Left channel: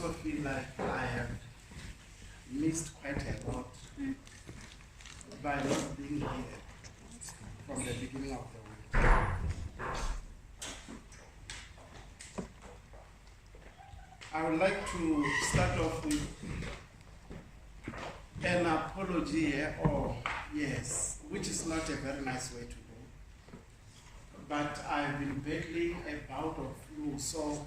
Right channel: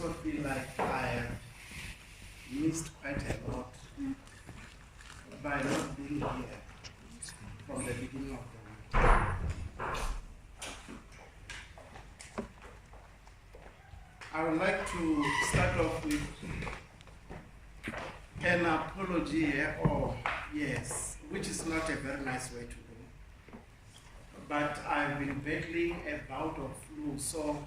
also feel like I have missed quite a lot by not being here from the beginning of the week. I would like to start off with an apology here, which is not a very nice way to go. But I've been battling a bout of flu, so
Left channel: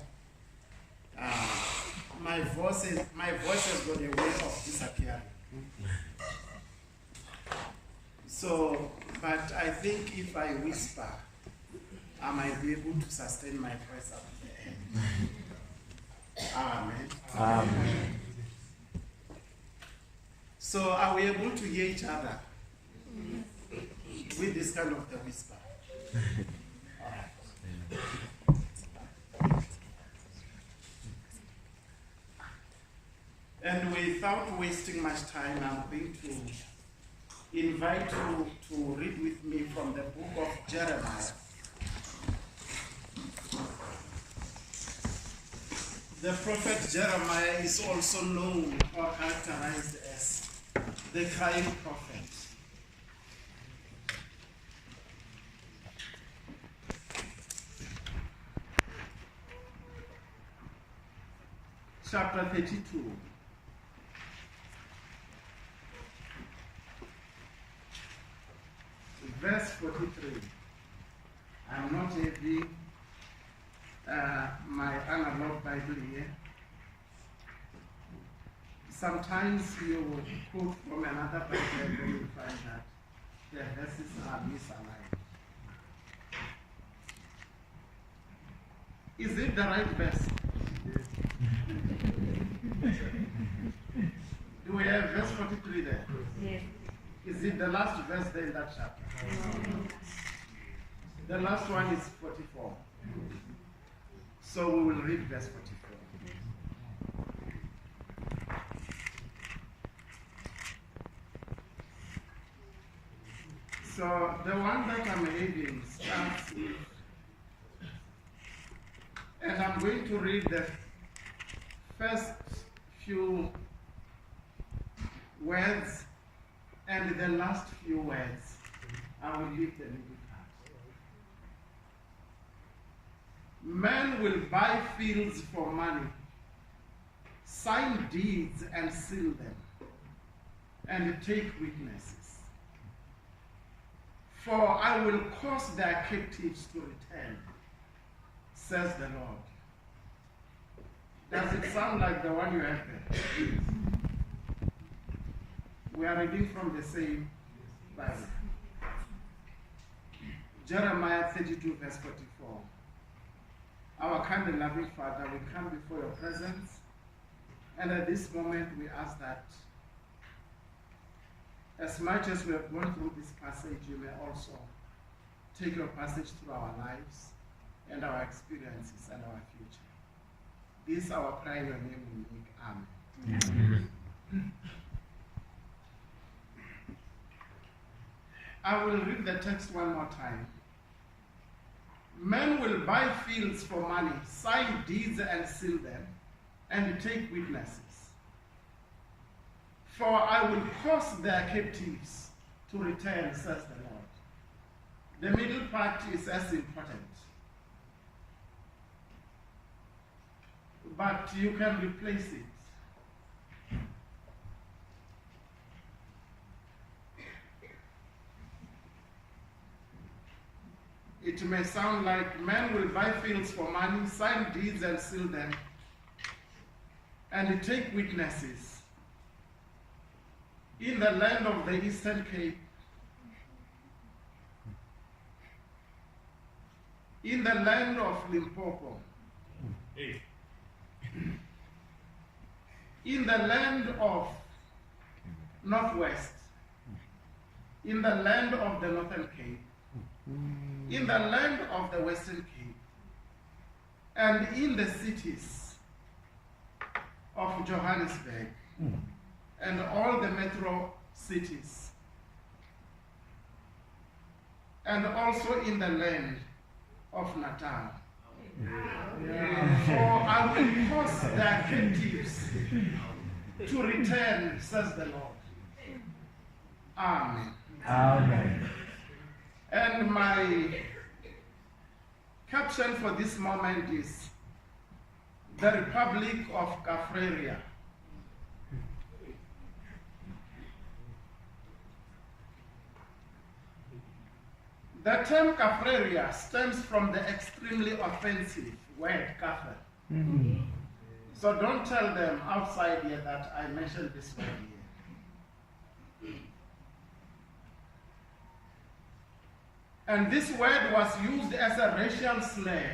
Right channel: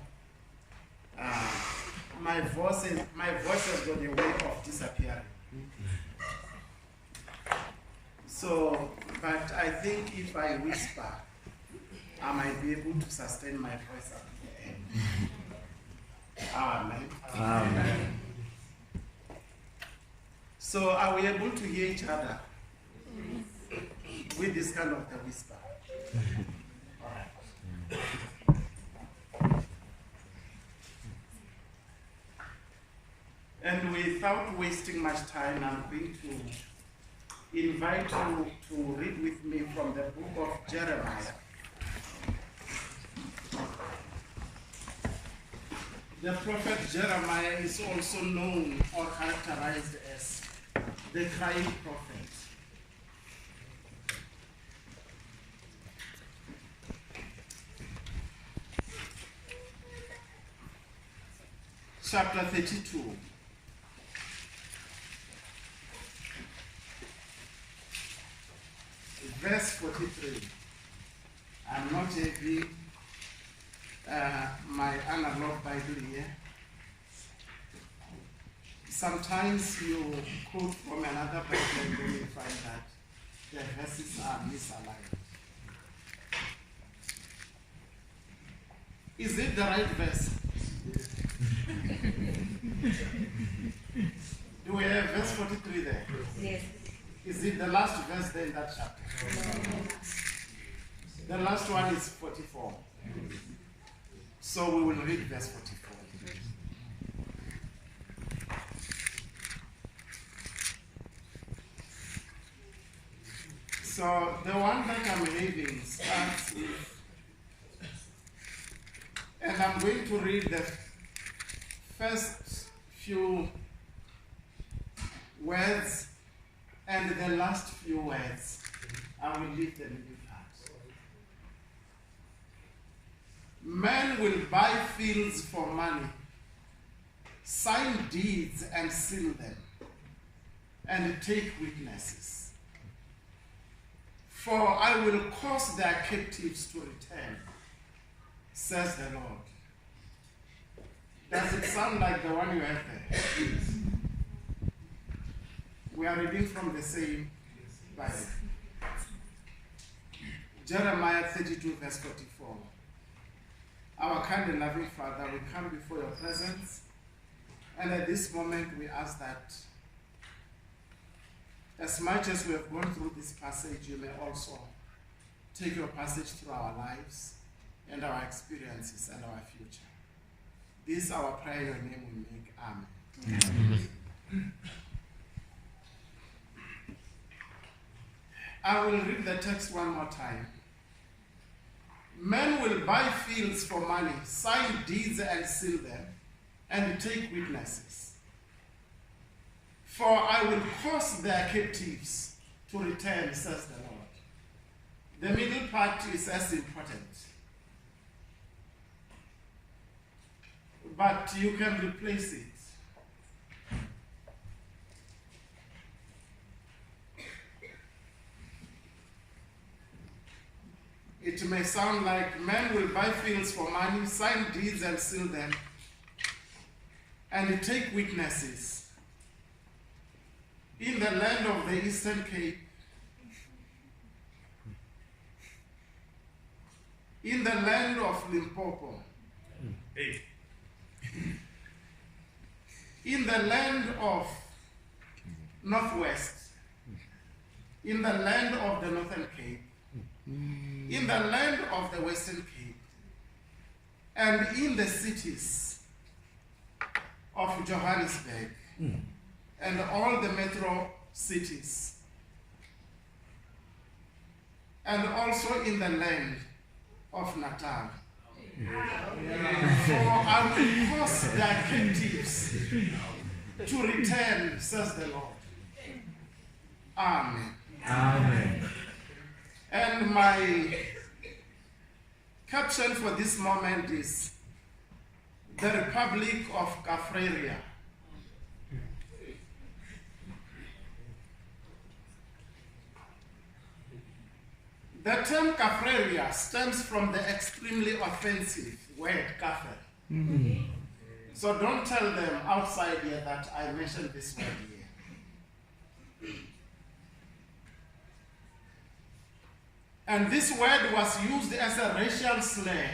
my voice has got a way of disappearing. So, but I think if I whisper, I might be able to sustain my voice up to the end. Amen. Amen. So are we able to hear each other with this kind of the whisper? All right. And without wasting much time, I'm going to invite you to read with me from the book of Jeremiah. The prophet Jeremiah is also known or characterized as the crying prophet. Chapter 32. Verse 43. I'm not having my analog Bible here. Sometimes you quote from another Bible and then you find that the verses are misaligned. Is it the right verse? Do we have verse 43 there? Yes. Is it the last verse there in that chapter? The last one is 44. So we will read verse 44. So the one that I'm having starts with, and I'm going to read the first few words and the last few words. I will leave the middle part. Men will buy fields for money, sign deeds and seal them, and take witnesses. For I will cause their captives to return, says the Lord. Does it sound like the one you have there? We are reading from the same Bible. Jeremiah 32, verse 44. Our kind and loving Father, we come before your presence, and at this moment we ask that as much as we have gone through this passage, you may also take your passage through our lives and our experiences and our future. This is our prayer in your name we make. Amen. Amen. I will read the text one more time. Men will buy fields for money, sign deeds and seal them, and take witnesses. For I will cause their captives to return, says the Lord. The middle part is as important. But you can replace it. It may sound like men will buy fields for money, sign deeds and seal them, and take witnesses. In the land of the Eastern Cape, in the land of Limpopo, in the land of Northwest, in the land of the Northern Cape, in the land of the Western Cape, and in the cities of Johannesburg, and all the metro cities, and also in the land of Natal, For I will cause their captives to return, says the Lord. Amen. Amen. And my caption for this moment is the Republic of Kafreria. The term Kafreria stems from the extremely offensive word kafir. So don't tell them outside here that I mentioned this word here. And this word was used as a racial slur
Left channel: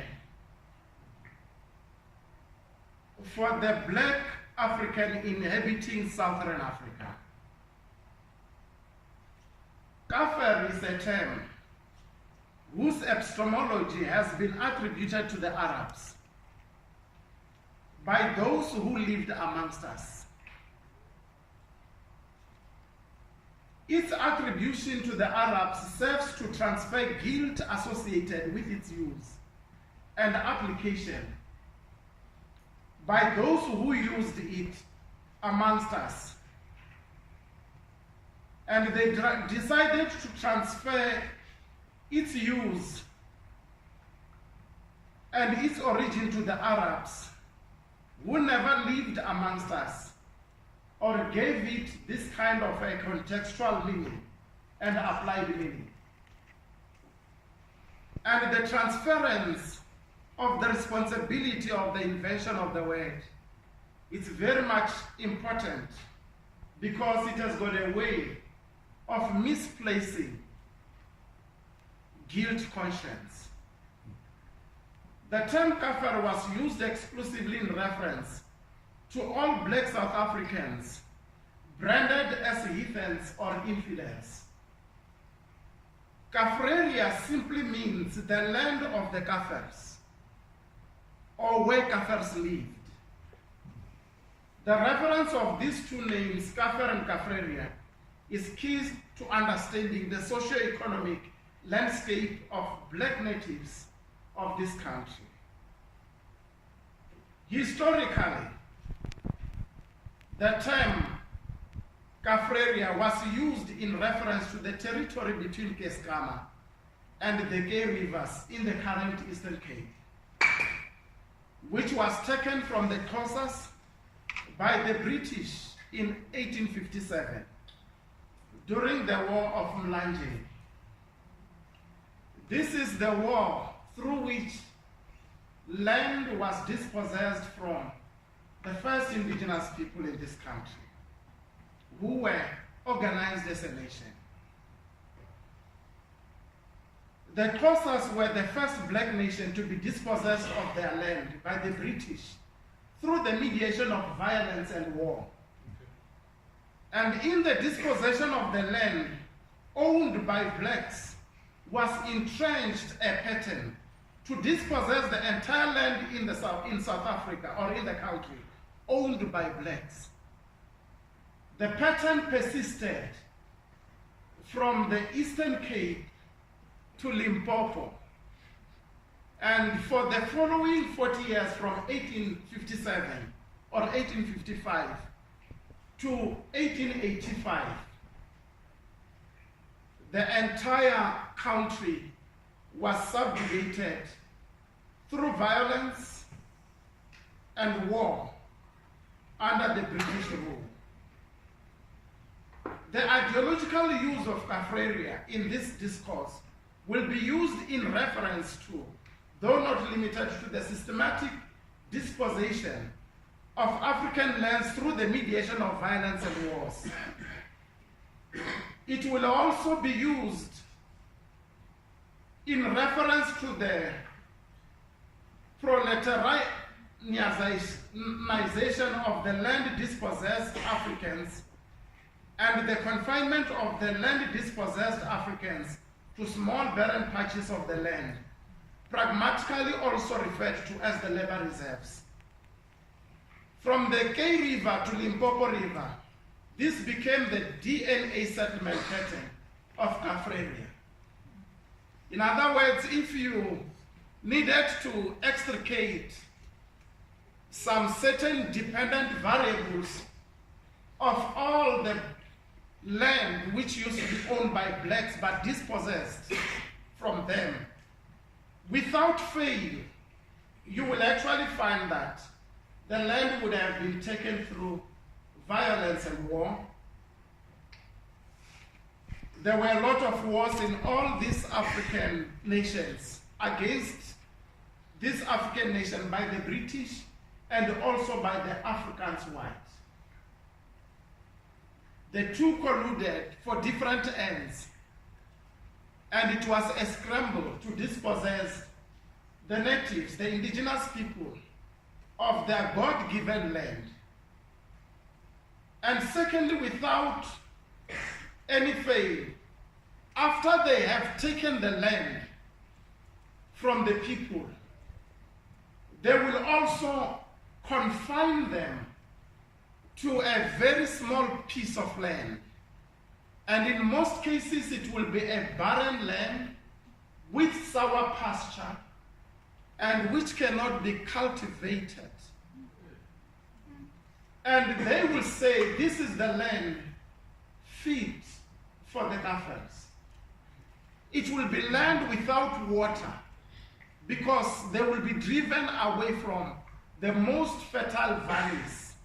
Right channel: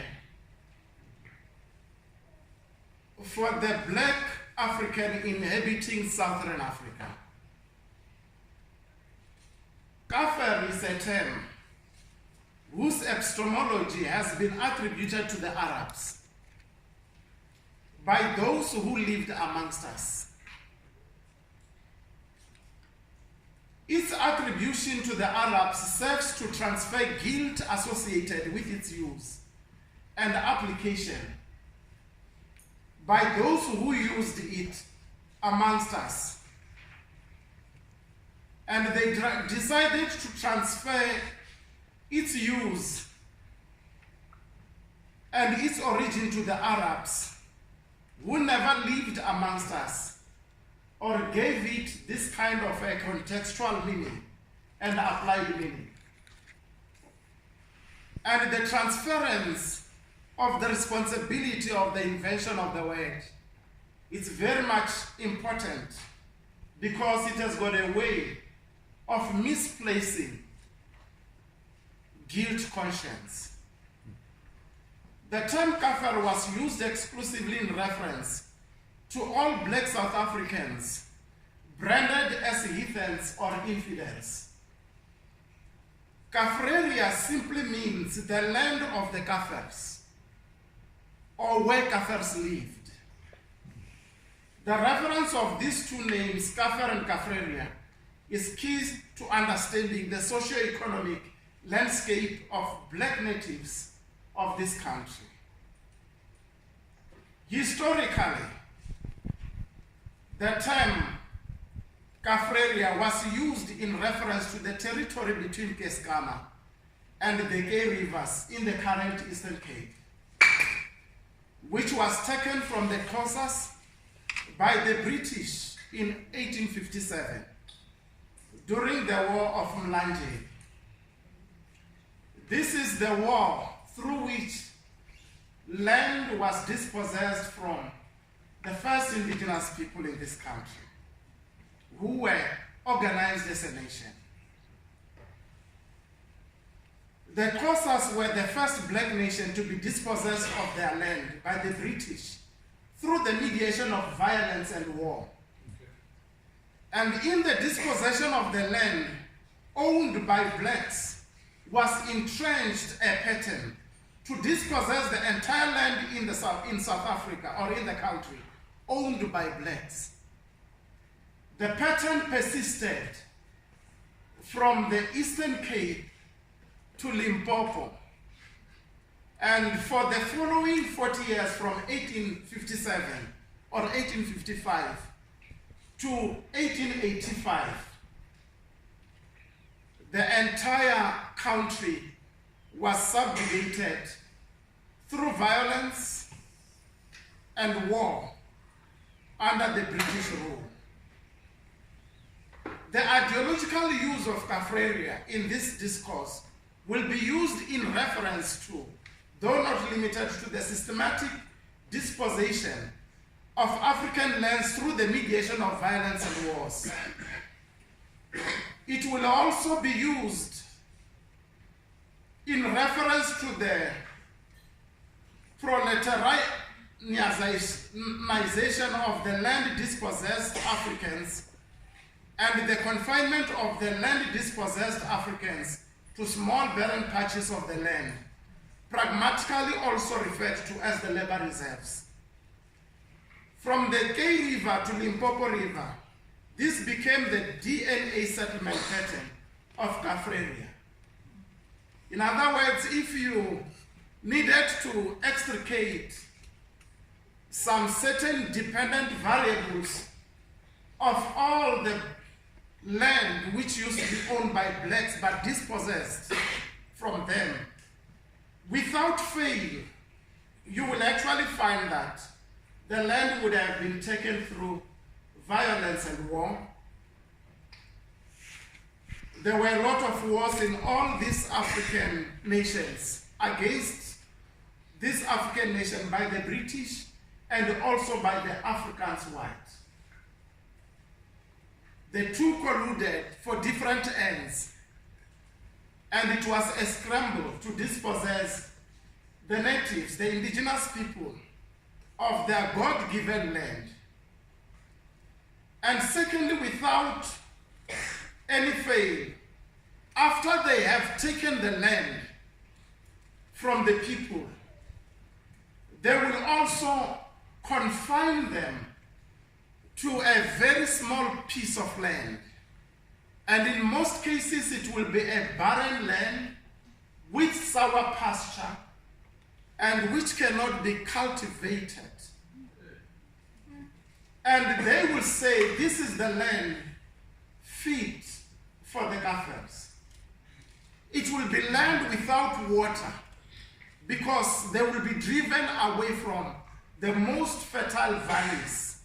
for the black African inhabiting Southern Africa. Kafir is a term whose epistemology has been attributed to the Arabs by those who lived amongst us. Its attribution to the Arabs serves to transfer guilt associated with its use and application by those who used it amongst us. And they decided to transfer its use and its origin to the Arabs, who never lived amongst us, or gave it this kind of a contextual meaning and applied meaning. And the transference of the responsibility of the invention of the word is very much important because it has got a way of misplacing guilt conscience. The term kafir was used exclusively in reference to all black South Africans branded as heathens or infidels. Kafreria simply means the land of the Kafirs, or where Kafirs lived. The reference of these two names, Kafir and Kafreria, is key to understanding the socio-economic landscape of black natives of this country. Historically, the term Kafreria was used in reference to the territory between Keskama and the Gay Rivers in the current Eastern Cape, which was taken from the Xhosas by the British in 1857 during the War of Mlanje. This is the war through which land was dispossessed from the first indigenous people in this country, who were organized as a nation. The Xhosas were the first black nation to be dispossessed of their land by the British through the mediation of violence and war. And in the dispossession of the land owned by blacks was entrenched a pattern to dispossess the entire land in South Africa or in the country owned by blacks. The pattern persisted from the Eastern Cape to Limpopo, and for the following 40 years, from 1857 or 1855 to 1885, the entire country was subjugated through violence and war under the British rule. The ideological use of Kafreria in this discourse will be used in reference to, though not limited to, the systematic dispossession of African lands through the mediation of violence and wars. It will also be used in reference to the proletarianization of the land dispossessed Africans and the confinement of the land dispossessed Africans to small barren patches of the land, pragmatically also referred to as the labor reserves. From the Gay River to Limpopo River, this became the DNA settlement pattern of Kafreria. In other words, if you needed to extricate some certain dependent variables of all the land which used to be owned by blacks but dispossessed from them. Without fail, you will actually find that the land would have been taken through violence and war. There were a lot of wars in all these African nations against this African nation by the British and also by the Africans white. The two colluded for different ends, and it was a scramble to dispossess the natives, the indigenous people, of their God-given land. And secondly, without any fail, after they have taken the land from the people, they will also confine them to a very small piece of land. And in most cases, it will be a barren land with sour pasture and which cannot be cultivated. And they will say, this is the land fit for the Kafirs. It will be land without water because they will be driven away from the most fertile valleys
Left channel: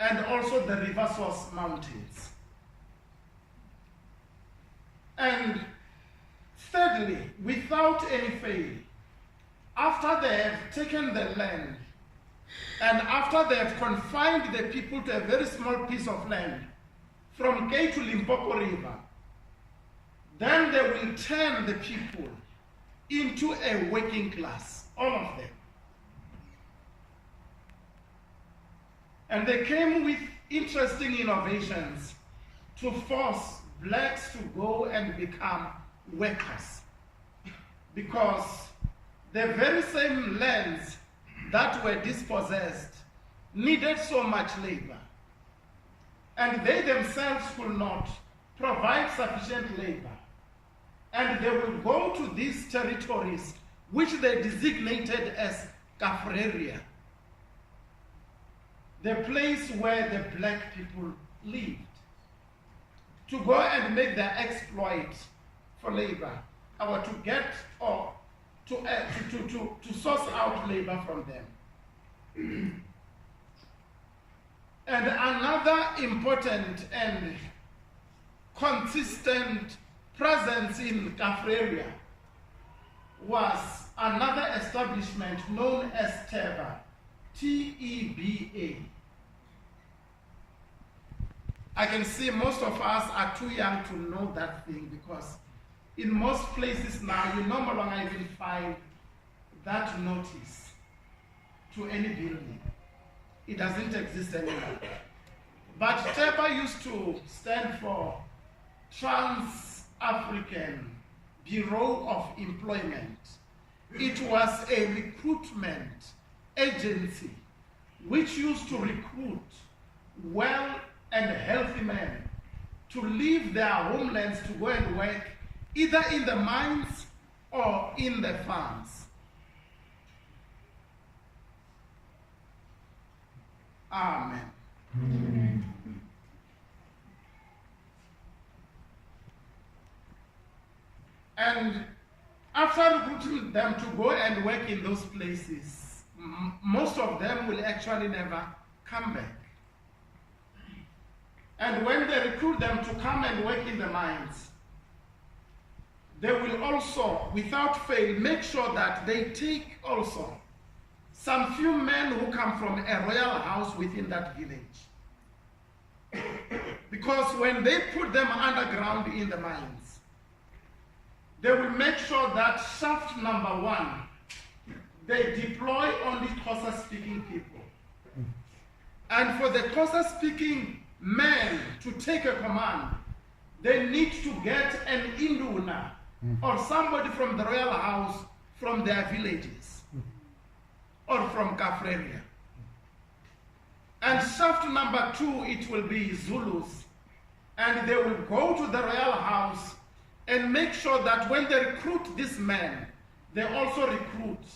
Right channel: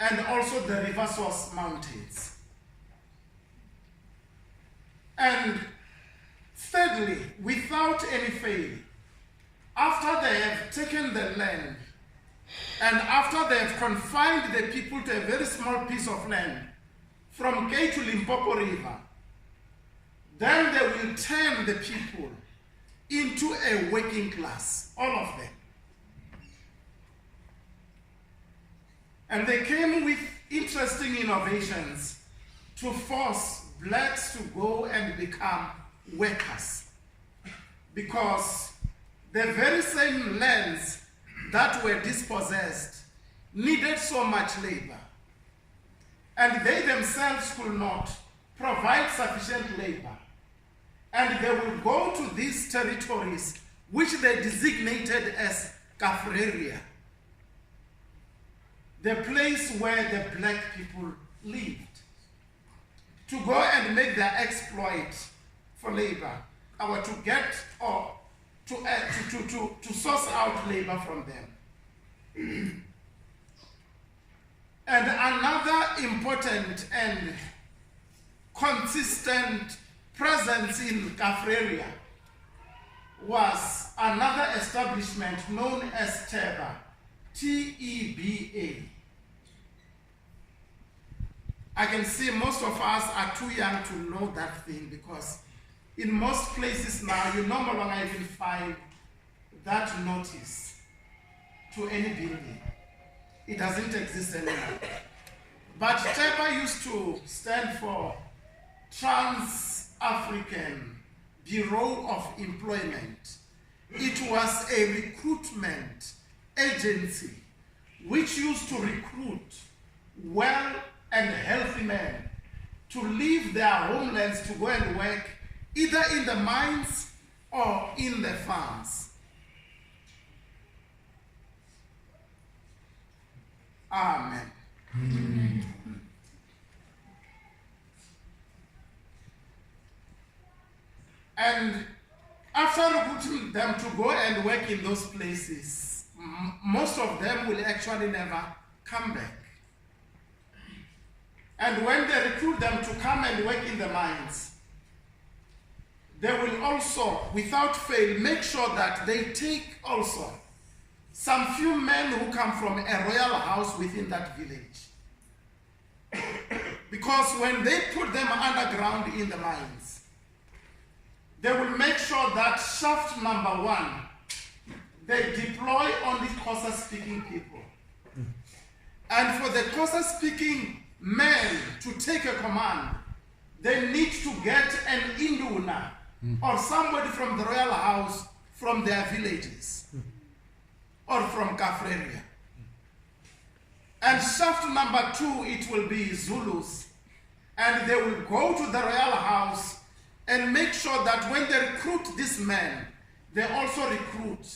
and also the river source mountains. And thirdly, without any fail, after they have taken the land and after they have confined the people to a very small piece of land from Cape to Limpopo River, then they will turn the people into a working class, all of them. And they came with interesting innovations to force blacks to go and become workers. Because the very same lands that were dispossessed needed so much labor. And they themselves could not provide sufficient labor. And they will go to these territories which they designated as Kafreria, the place where the black people lived, to go and make their exploit for labor, or to get or to source out labor from them. And another important and consistent presence in Kafreria was another establishment known as Teba, T-E-B-A. I can see most of us are too young to know that thing because in most places now you no longer even find that notice to any building. It doesn't exist anymore. But Teba used to stand for Trans-African Bureau of Employment. It was a recruitment agency which used to recruit well and healthy men to leave their homelands to go and work either in the mines or in the farms. Amen. Amen. And after recruiting them to go and work in those places, most of them will actually never come back. And when they recruit them to come and work in the mines, they will also, without fail, make sure that they take also some few men who come from a royal house within that village. Because when they put them underground in the mines, they will make sure that shaft number 1, they deploy only Xhosa-speaking people. And for the Xhosa-speaking men to take a command, they need to get an Induna or somebody from the royal house from their villages or from Kafreria. And shaft number 2, it will be Zulus. And they will go to the royal house and make sure that when they recruit these men, they also recruit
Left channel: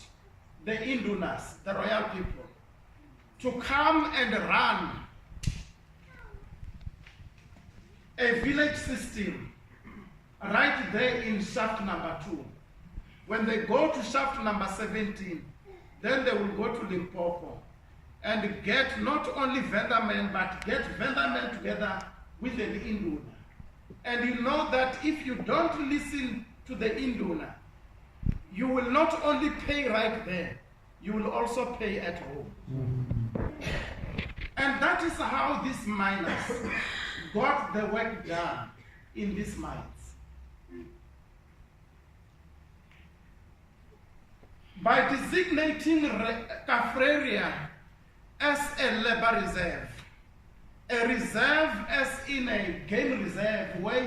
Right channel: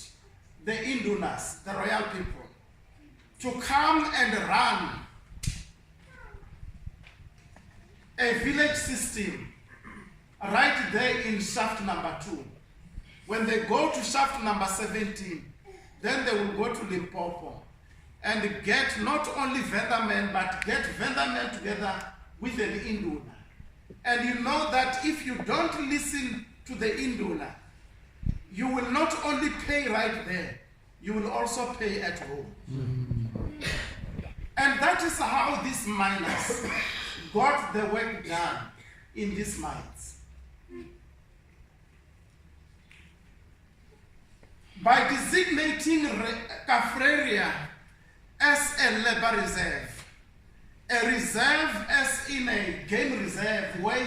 the Indunas, the royal people, to come and run a village system right there in shaft number 2. When they go to shaft number 17, then they will go to Limpopo and get not only vendor men, but get vendor men together with an Induna. And you know that if you don't listen to the Induna, you will not only pay right there, you will also pay at home. And that is how these miners got the work done in these mines. By designating Kaffraria as a labor reserve, a reserve as in a game reserve where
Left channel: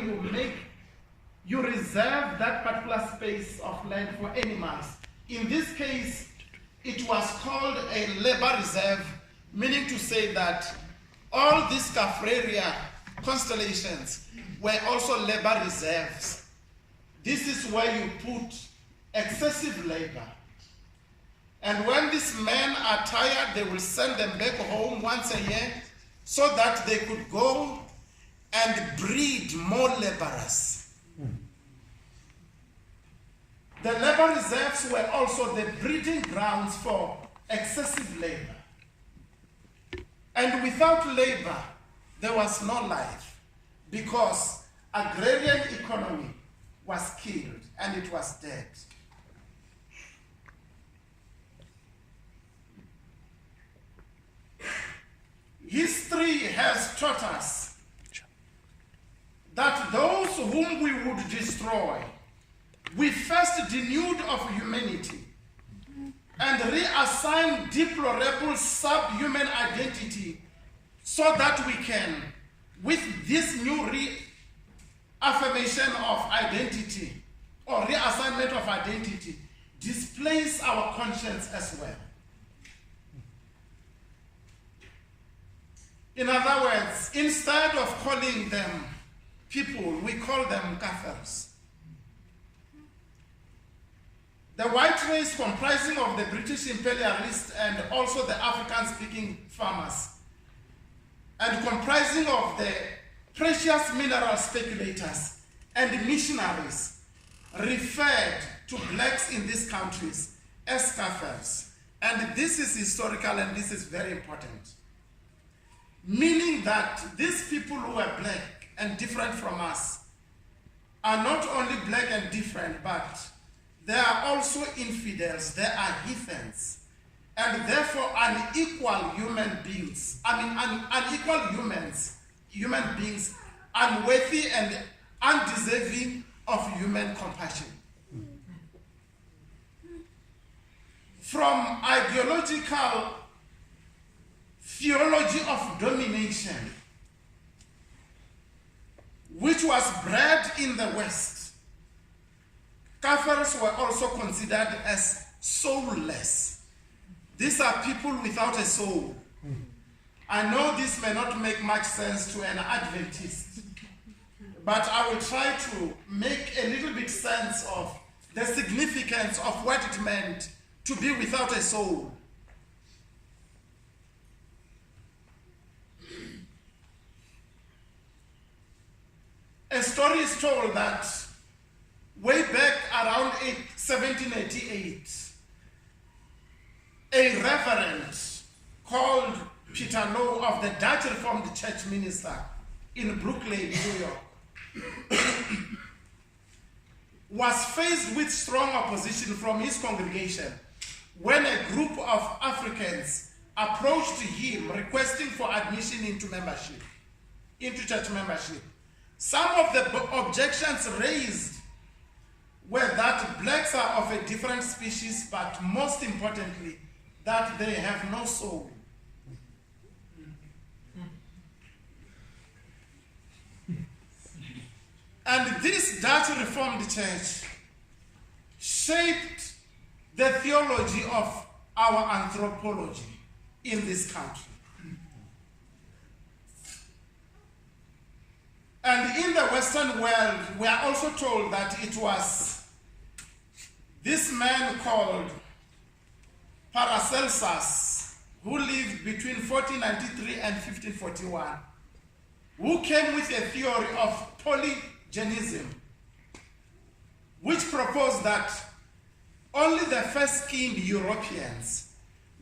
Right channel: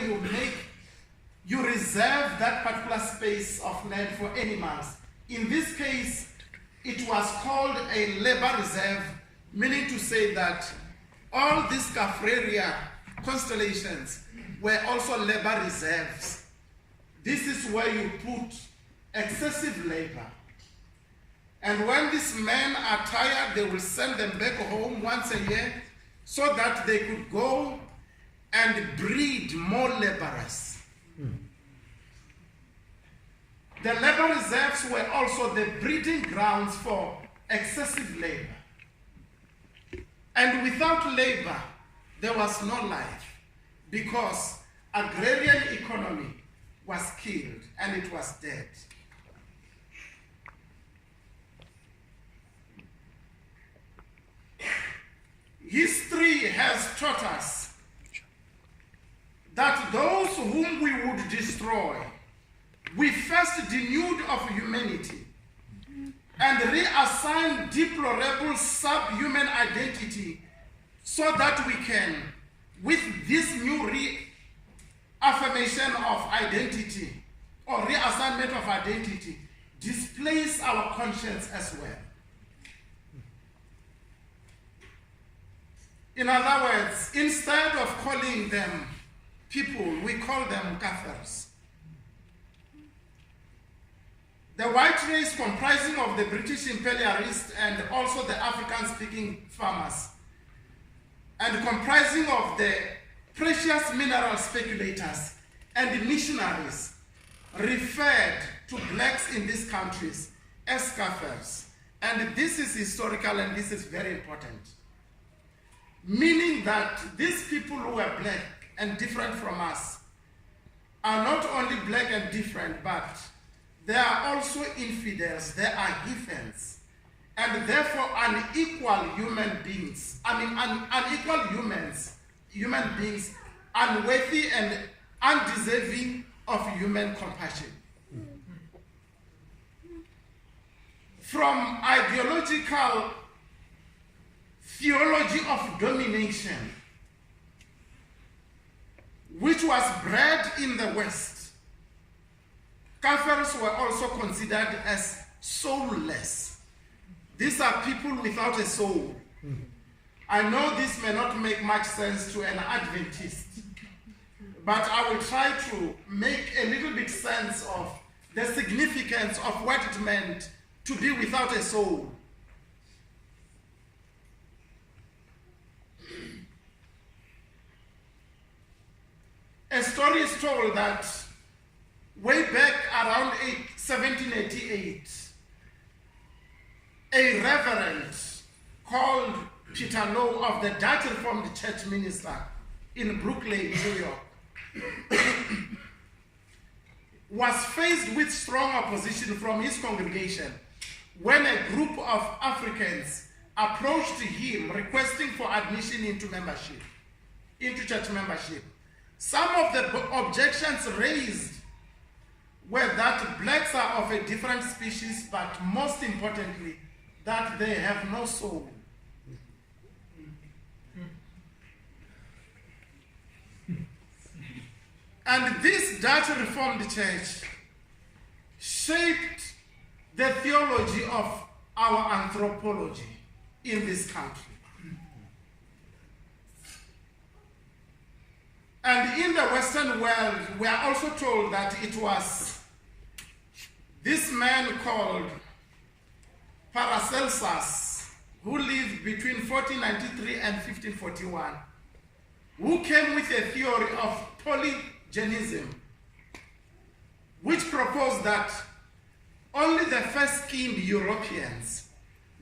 you reserve that particular space of land for animals. In this case, it was called a labor reserve, meaning to say that all these Kaffraria constellations were also labor reserves. This is where you put excessive labor. And when these men are tired, they will send them back home once a year so that they could go and breed more laborers. The labor reserves were also the breeding grounds for excessive labor. And without labor, there was no life, because agrarian economy was killed and it was dead. History has taught us that those whom we would destroy, we first denuded of humanity and reassigned deplorable subhuman identity so that we can, with this new reaffirmation of identity or reassignment of identity, displace our conscience as well. In other words, instead of calling them people, we call them Kaffers. The white race, comprising of the British imperialists and also the African-speaking farmers, and comprising of the precious mineral speculators and missionaries, referred to blacks in these countries as Kaffers. And this is historical and this is very important. Meaning that these people who are black and different from us are not only black and different, but they are also infidels, they are heathens, and therefore unequal human beings. Unequal human beings, unworthy and undeserving of human compassion. From ideological theology of domination, which was bred in the West, Kaffers were also considered as soulless. These are people without a soul. I know this may not make much sense to an Adventist, but I will try to make a little bit sense of the significance of what it meant to be without a soul. A story is told that way back around 1788, a reverend called Peter Lowe of the Dutch Reformed Church minister in Brooklyn, New York, was faced with strong opposition from his congregation when a group of Africans approached him requesting for admission into church membership. Some of the objections raised were that blacks are of a different species, but most importantly, that they have no soul. And this Dutch Reformed Church shaped the theology of our anthropology in this country. And in the Western world, we are also told that it was this man called Paracelsus, who lived between 1493 and 1541, who came with a theory of polygenism, which proposed that only the first-skinned Europeans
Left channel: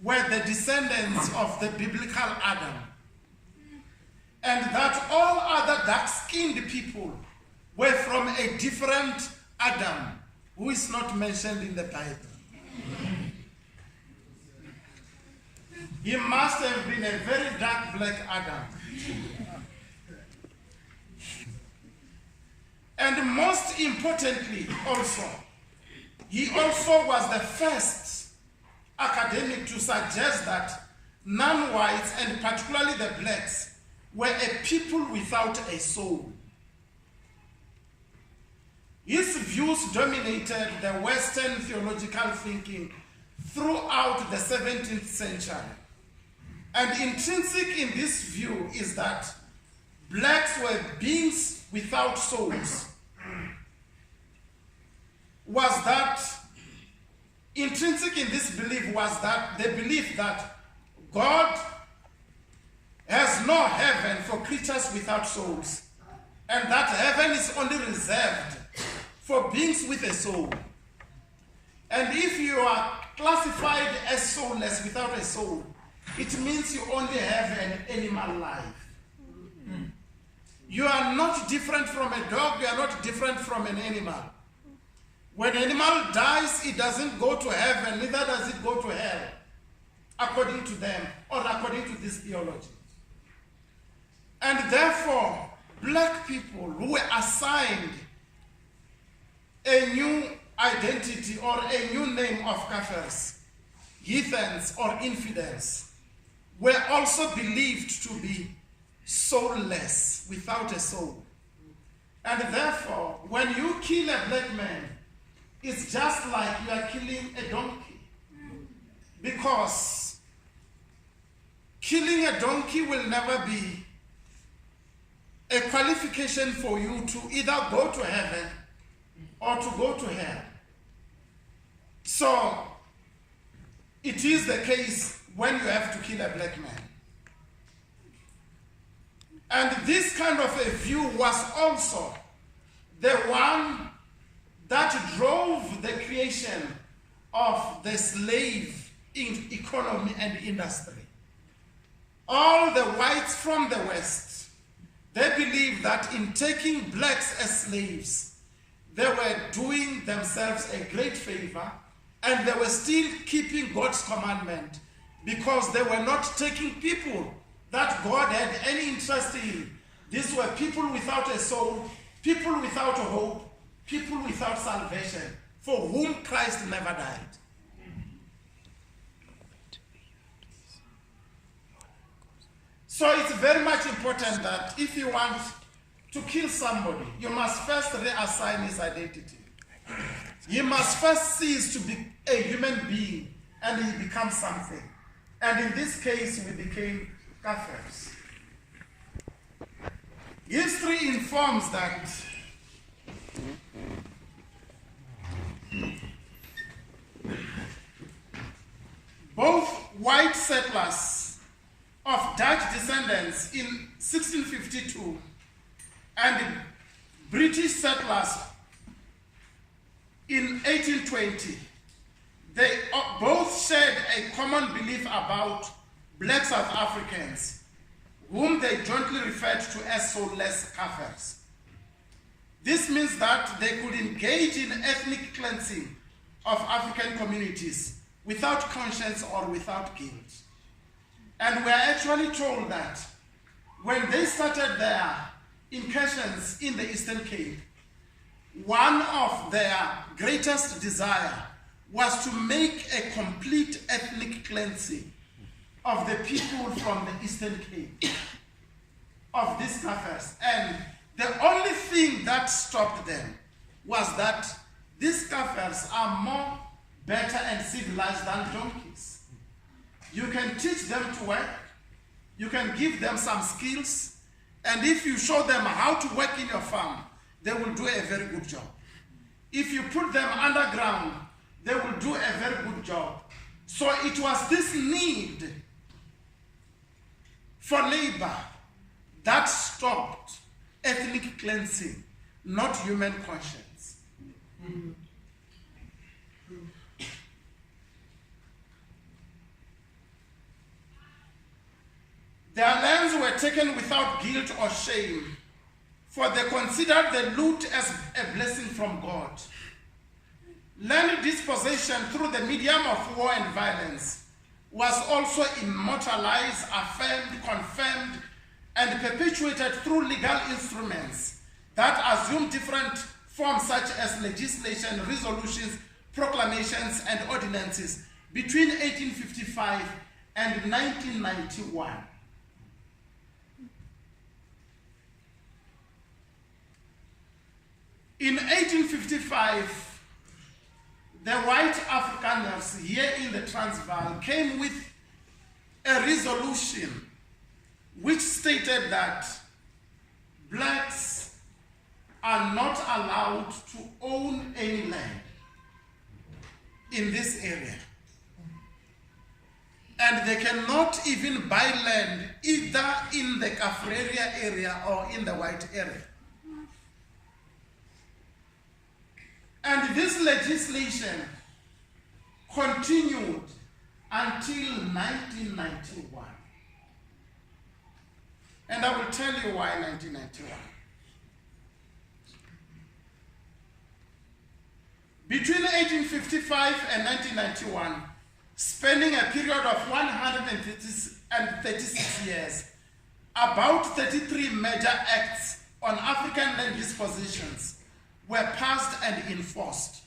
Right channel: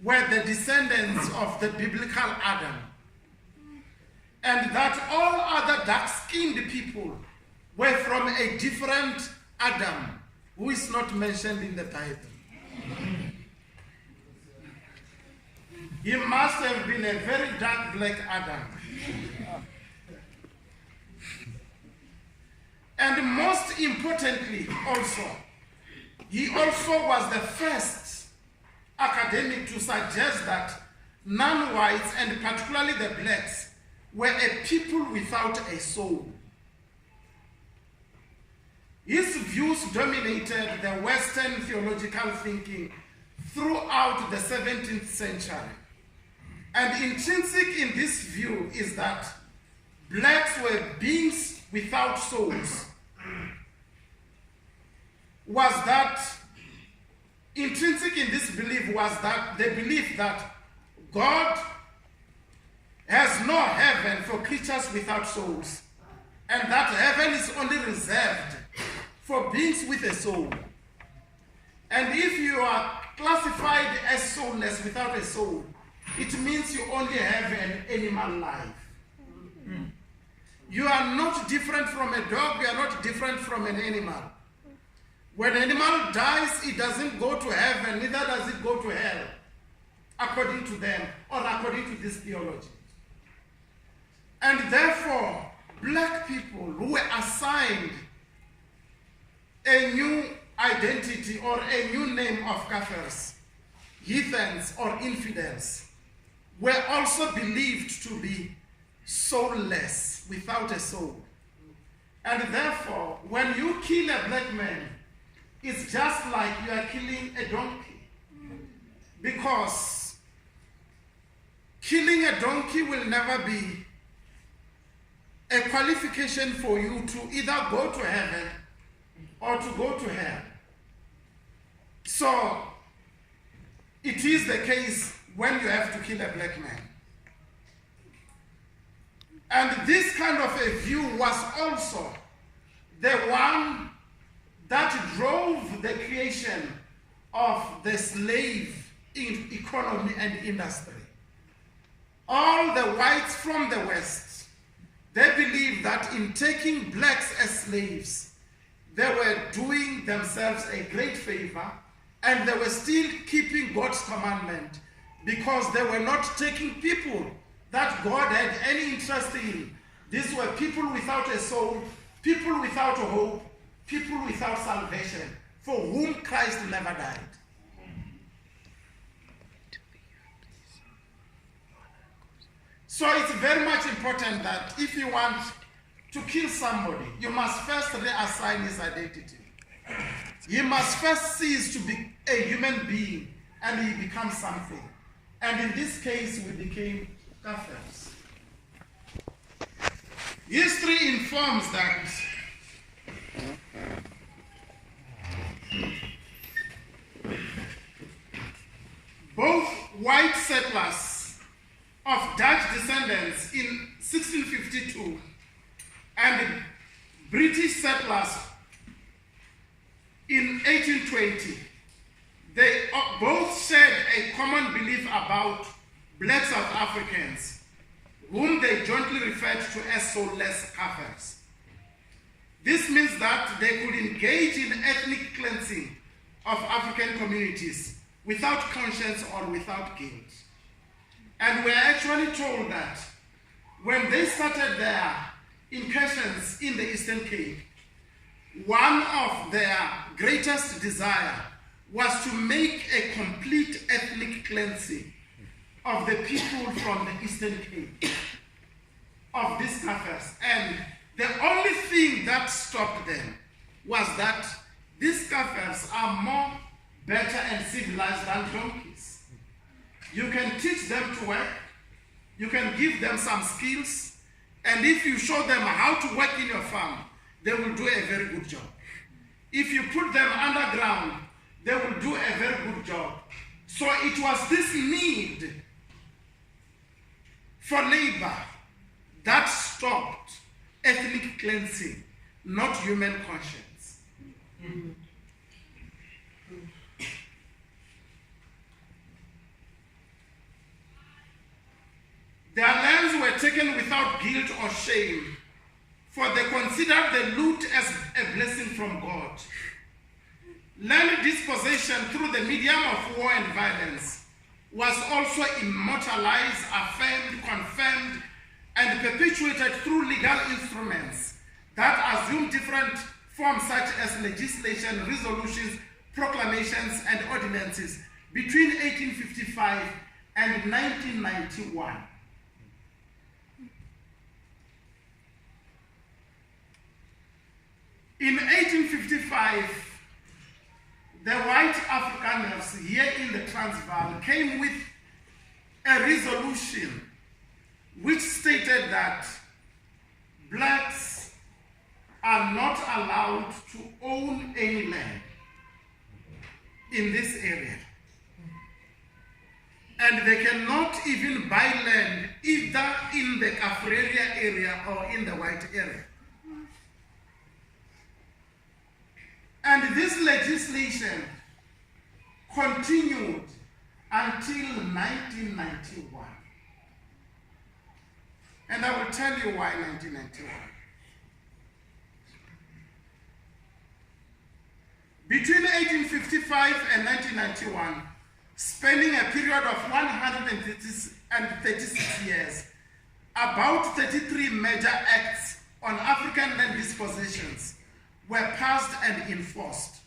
were the descendants of the biblical Adam, and that all other dark-skinned people were from a different Adam, who is not mentioned in the Bible. He must have been a very dark black Adam. And most importantly also, he also was the first academic to suggest that non-whites, and particularly the blacks, were a people without a soul. His views dominated the Western theological thinking throughout the 17th century. And intrinsic in this view is that blacks were beings without souls. Intrinsic in this belief was that the belief that God has no heaven for creatures without souls, and that heaven is only reserved for beings with a soul. And if you are classified as soulless, without a soul, it means you only have an animal life. You are not different from a dog, you are not different from an animal. When an animal dies, it doesn't go to heaven, neither does it go to hell, according to them, or according to this theology. And therefore, black people who were assigned a new identity or a new name of kafirs, heathens or infidels, were also believed to be soulless, without a soul. And therefore, when you kill a black man, it's just like you are killing a donkey. Because killing a donkey will never be a qualification for you to either go to heaven or to go to hell. So, it is the case when you have to kill a black man. And this kind of a view was also the one that drove the creation of the slave economy and industry. All the whites from the West, they believed that in taking blacks as slaves, they were doing themselves a great favor, and they were still keeping God's commandment, because they were not taking people that God had any interest in. These were people without a soul, people without a hope, people without salvation, for whom Christ never died. So it's very much important that if you want to kill somebody, you must first reassign his identity. He must first cease to be a human being, and he becomes something. And in this case, we became kafirs. History informs that both white settlers of Dutch descendants in 1652 and British settlers in 1820, they both shared a common belief about black South Africans, whom they jointly referred to as soulless kafirs. This means that they could engage in ethnic cleansing of African communities without conscience or without guilt. And we are actually told that when they started their incursions in the Eastern Cape, one of their greatest desire was to make a complete ethnic cleansing of the people from the Eastern Cape, of these kafirs. And the only thing that stopped them was that these kafirs are more better and civilized than donkeys. You can teach them to work, you can give them some skills, and if you show them how to work in your farm, they will do a very good job. If you put them underground, they will do a very good job. So it was this need for labor that stopped ethnic cleansing, not human conscience. Their lands were taken without guilt or shame, for they considered the loot as a blessing from God. Land dispossession through the medium of war and violence was also immortalized, affirmed, confirmed, and perpetuated through legal instruments that assume different forms such as legislation, resolutions, proclamations, and ordinances between 1855 and 1991. In 1855, the white Afrikaners here in the Transvaal came with a resolution which stated that blacks are not allowed to own any land in this area. And they cannot even buy land either in the Kafreria area or in the white area. And this legislation continued until 1991. And I will tell you why 1991. Between 1855 and 1991, spanning a period of 136 years, about 33 major acts on African land dispositions were passed and enforced.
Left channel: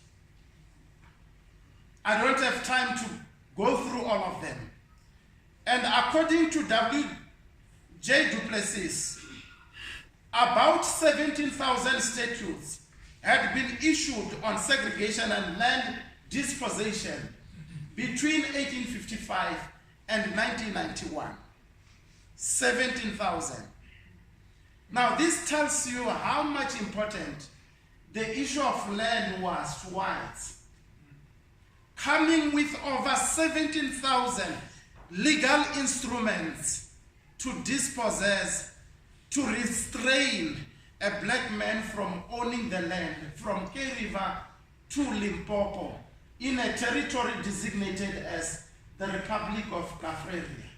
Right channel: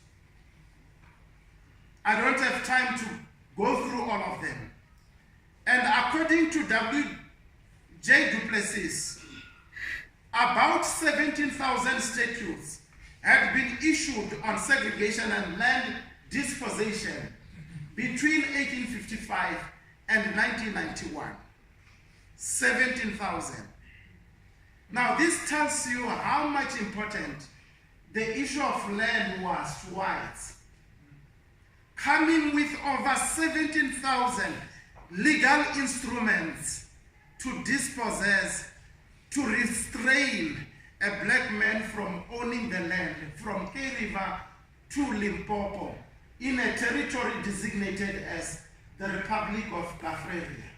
I don't have time to go through all of them. And according to W.J. Du Plessis, about 17,000 statutes had been issued on segregation and land dispossession between 1855 and 1991. 17,000. Now this tells you how much important the issue of land was to whites, coming with over 17,000 legal instruments to dispossess, to restrain a black man from owning the land from K River to Limpopo in a territory designated as the Republic of Kafreria.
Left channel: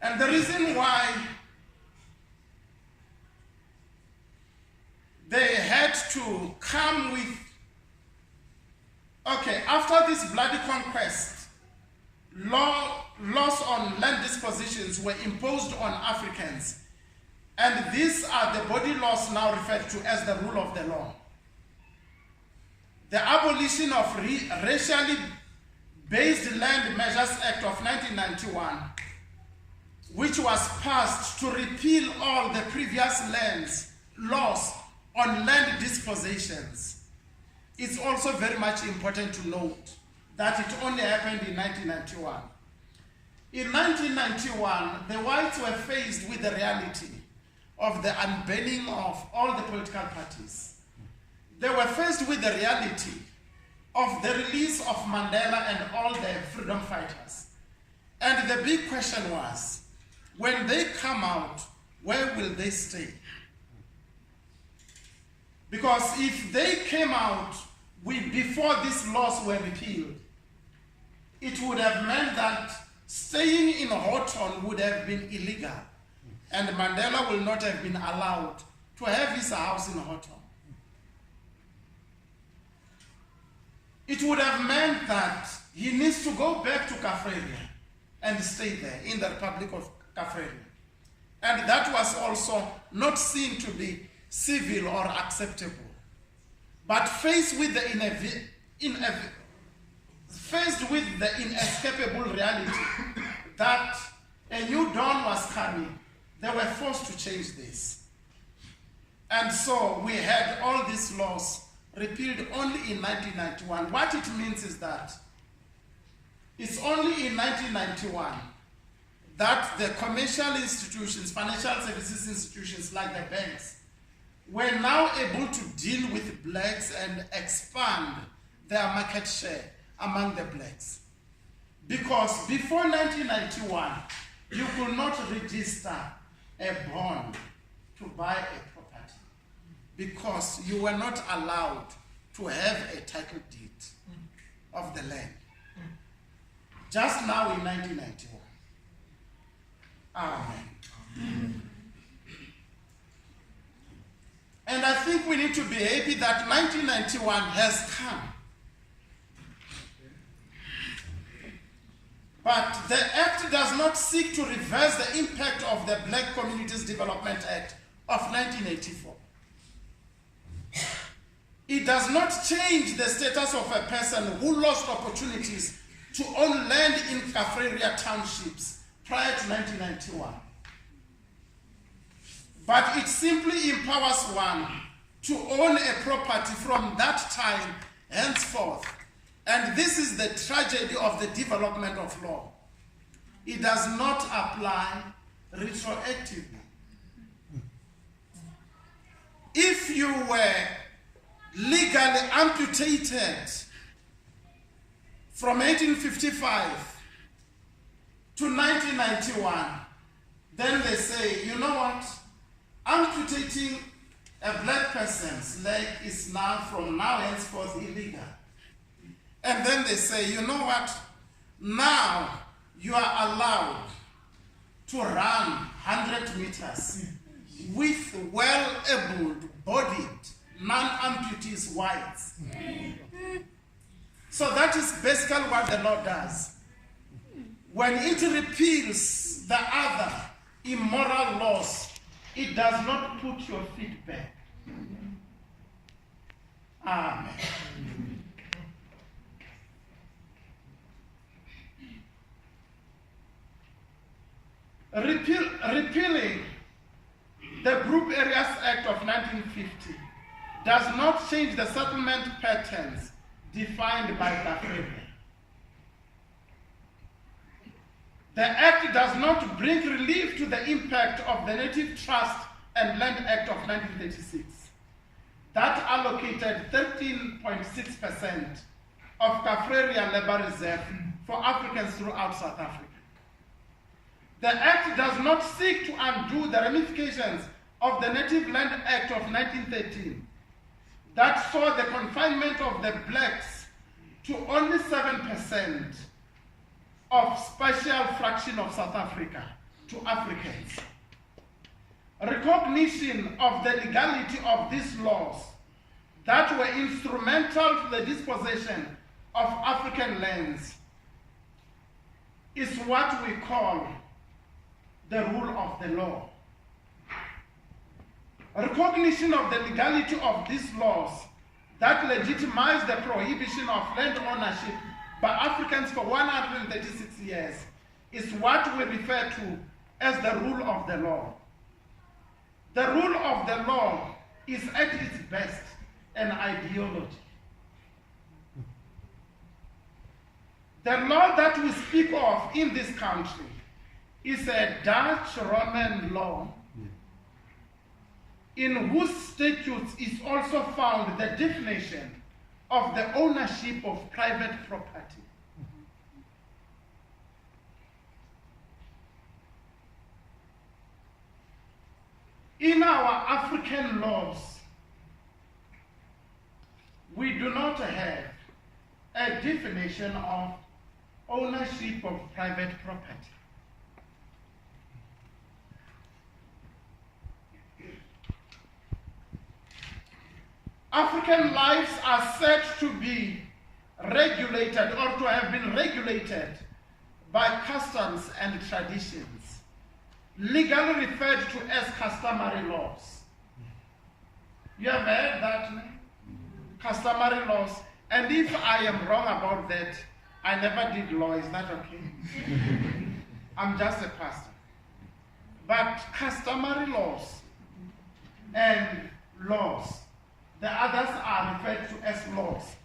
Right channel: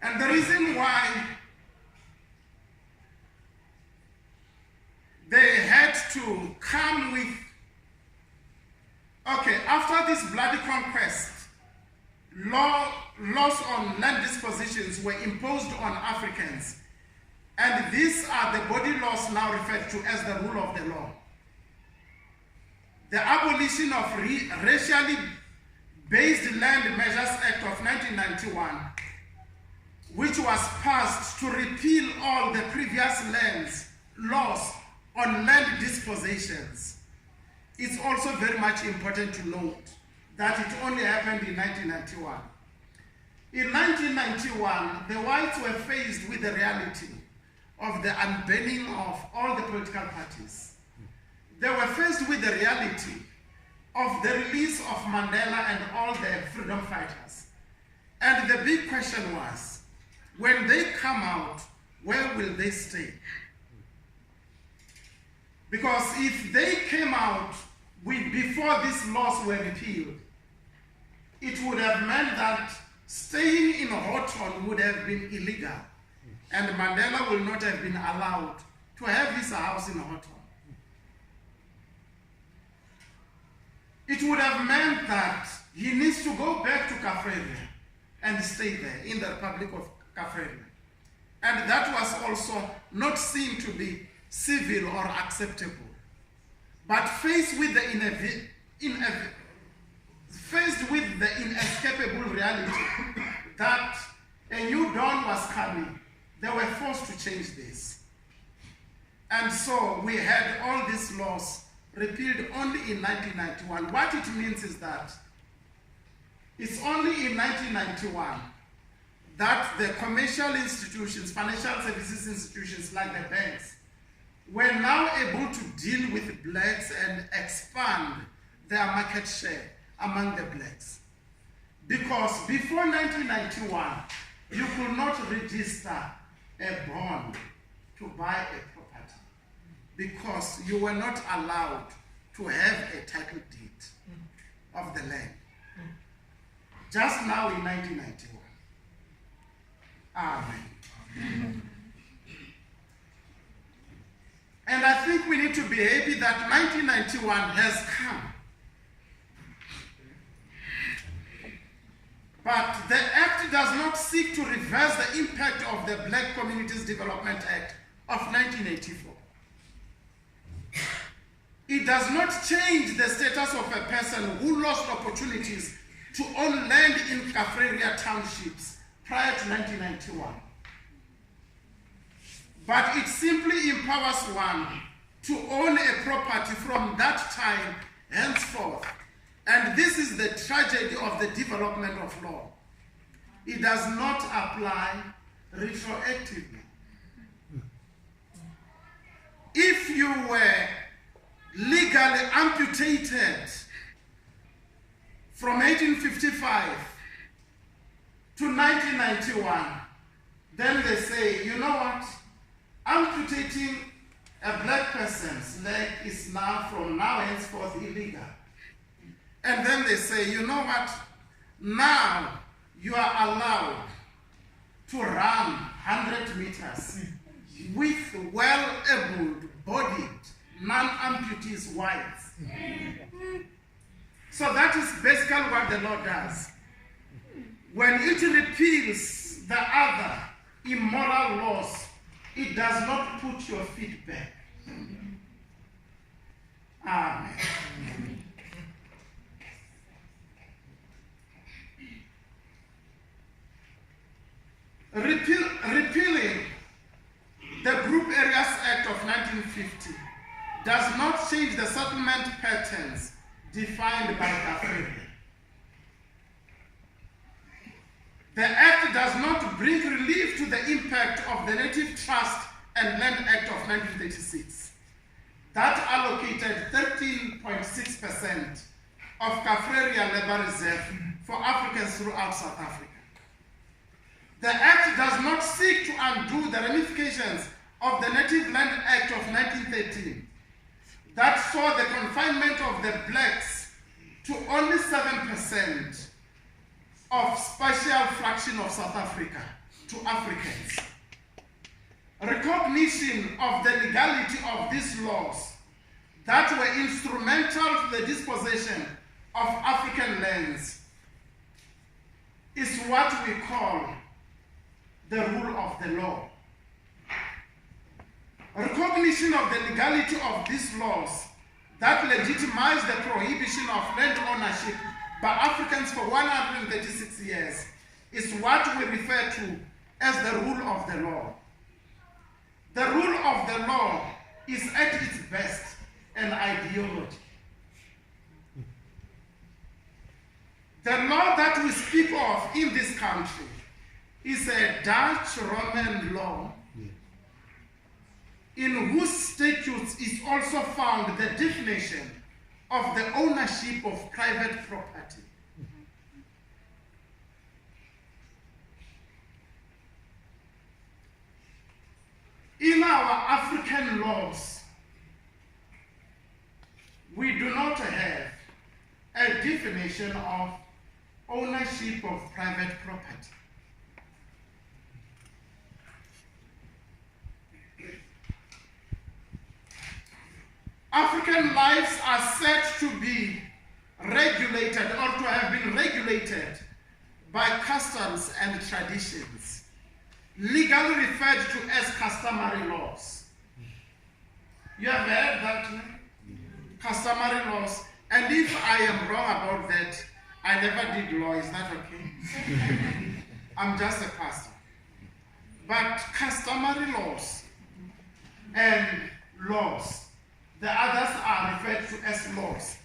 And the reason why they had to come with, okay, after this bloody conquest, laws on land dispositions were imposed on Africans. And these are the body laws now referred to as the rule of the law. The Abolition of Racially Based Land Measures Act of 1991, which was passed to repeal all the previous laws on land dispositions. It's also very much important to note that it only happened in 1991. In 1991, the whites were faced with the reality of the unbanning of all the political parties. They were faced with the reality of the release of Mandela and all the freedom fighters. And the big question was, when they come out, where will they stay? Because if they came out before these laws were repealed, it would have meant that staying in Houghton would have been illegal, and Mandela will not have been allowed to have his house in Houghton. It would have meant that he needs to go back to Kafreria and stay there in the Republic of Kafreria. And that was also not seen to be civil or acceptable. But faced with the inescapable reality that a new dawn was coming, they were forced to change this. And so we had all these laws repealed only in 1991. What it means is that it's only in 1991 that the commercial institutions, financial services institutions like the banks, were now able to deal with blacks and expand their market share among the blacks. Because before 1991, you could not register a bond to buy a property because you were not allowed to have a title deed of the land. Just now in 1991. Amen. And I think we need to be happy that 1991 has come. But the Act does not seek to reverse the impact of the Black Communities Development Act of 1984. It does not change the status of a person who lost opportunities to own land in Kaffraria townships prior to 1991. But it simply empowers one to own a property from that time henceforth. And this is the tragedy of the development of law. It does not apply retroactively. If you were legally amputated from 1855 to 1991, then they say, you know what? Amputating a black person's leg is now, from now henceforth, illegal. And then they say, you know what? Now you are allowed to run 100 meters with well-able, bodied, non-amputees whites. So that is basically what the law does. When it repeals the other immoral laws, it does not put your feet back. Amen. Repealing the Group Areas Act of 1950 does not change the settlement patterns defined by Kaffraria. The Act does not bring relief to the impact of the Native Trust and Land Act of 1936 that allocated 13.6% of Kaffraria Labour Reserve for Africans throughout South Africa. The Act does not seek to undo the ramifications of the Native Land Act of 1913 that saw the confinement of the blacks to only 7% of spatial fraction of South Africa to Africans. Recognition of the legality of these laws that were instrumental to the dispossession of African lands is what we call the rule of the law. Recognition of the legality of these laws that legitimize the prohibition of land ownership by Africans for 136 years is what we refer to as the rule of the law. The rule of the law is at its best an ideology. The law that we speak of in this country is a Dutch Roman law in whose statutes is also found the definition of the ownership of private property. In our African laws, we do not have a definition of ownership of private property. African lives are said to be regulated or to have been regulated by customs and traditions, legally referred to as customary laws. You have heard that name? Customary laws. And if I am wrong about that, I never did law, is that okay? I'm just a pastor. But customary laws and laws, the others are referred to as laws.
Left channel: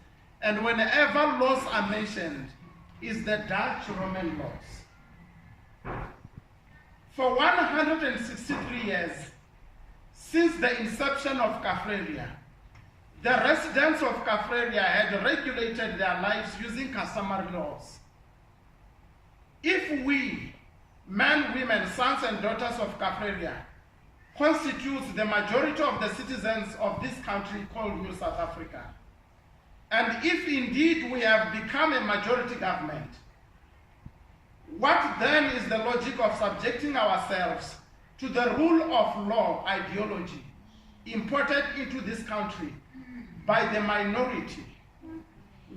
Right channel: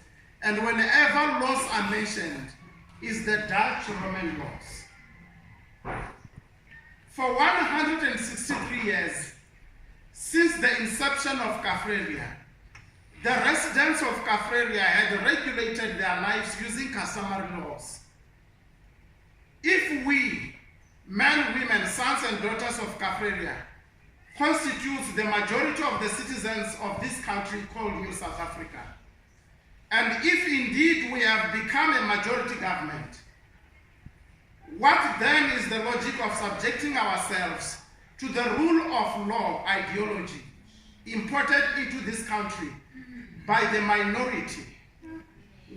And whenever laws are mentioned, is the Dutch Roman laws. For 163 years, Since the inception of Kaffraria, the residents of Kaffraria had regulated their lives using customary laws. If we, men, women, sons and daughters of Kaffraria, constitutes the majority of the citizens of this country called New South Africa, and if indeed we have become a majority government, what then is the logic of subjecting ourselves to the rule of law ideology imported into this country by the minority,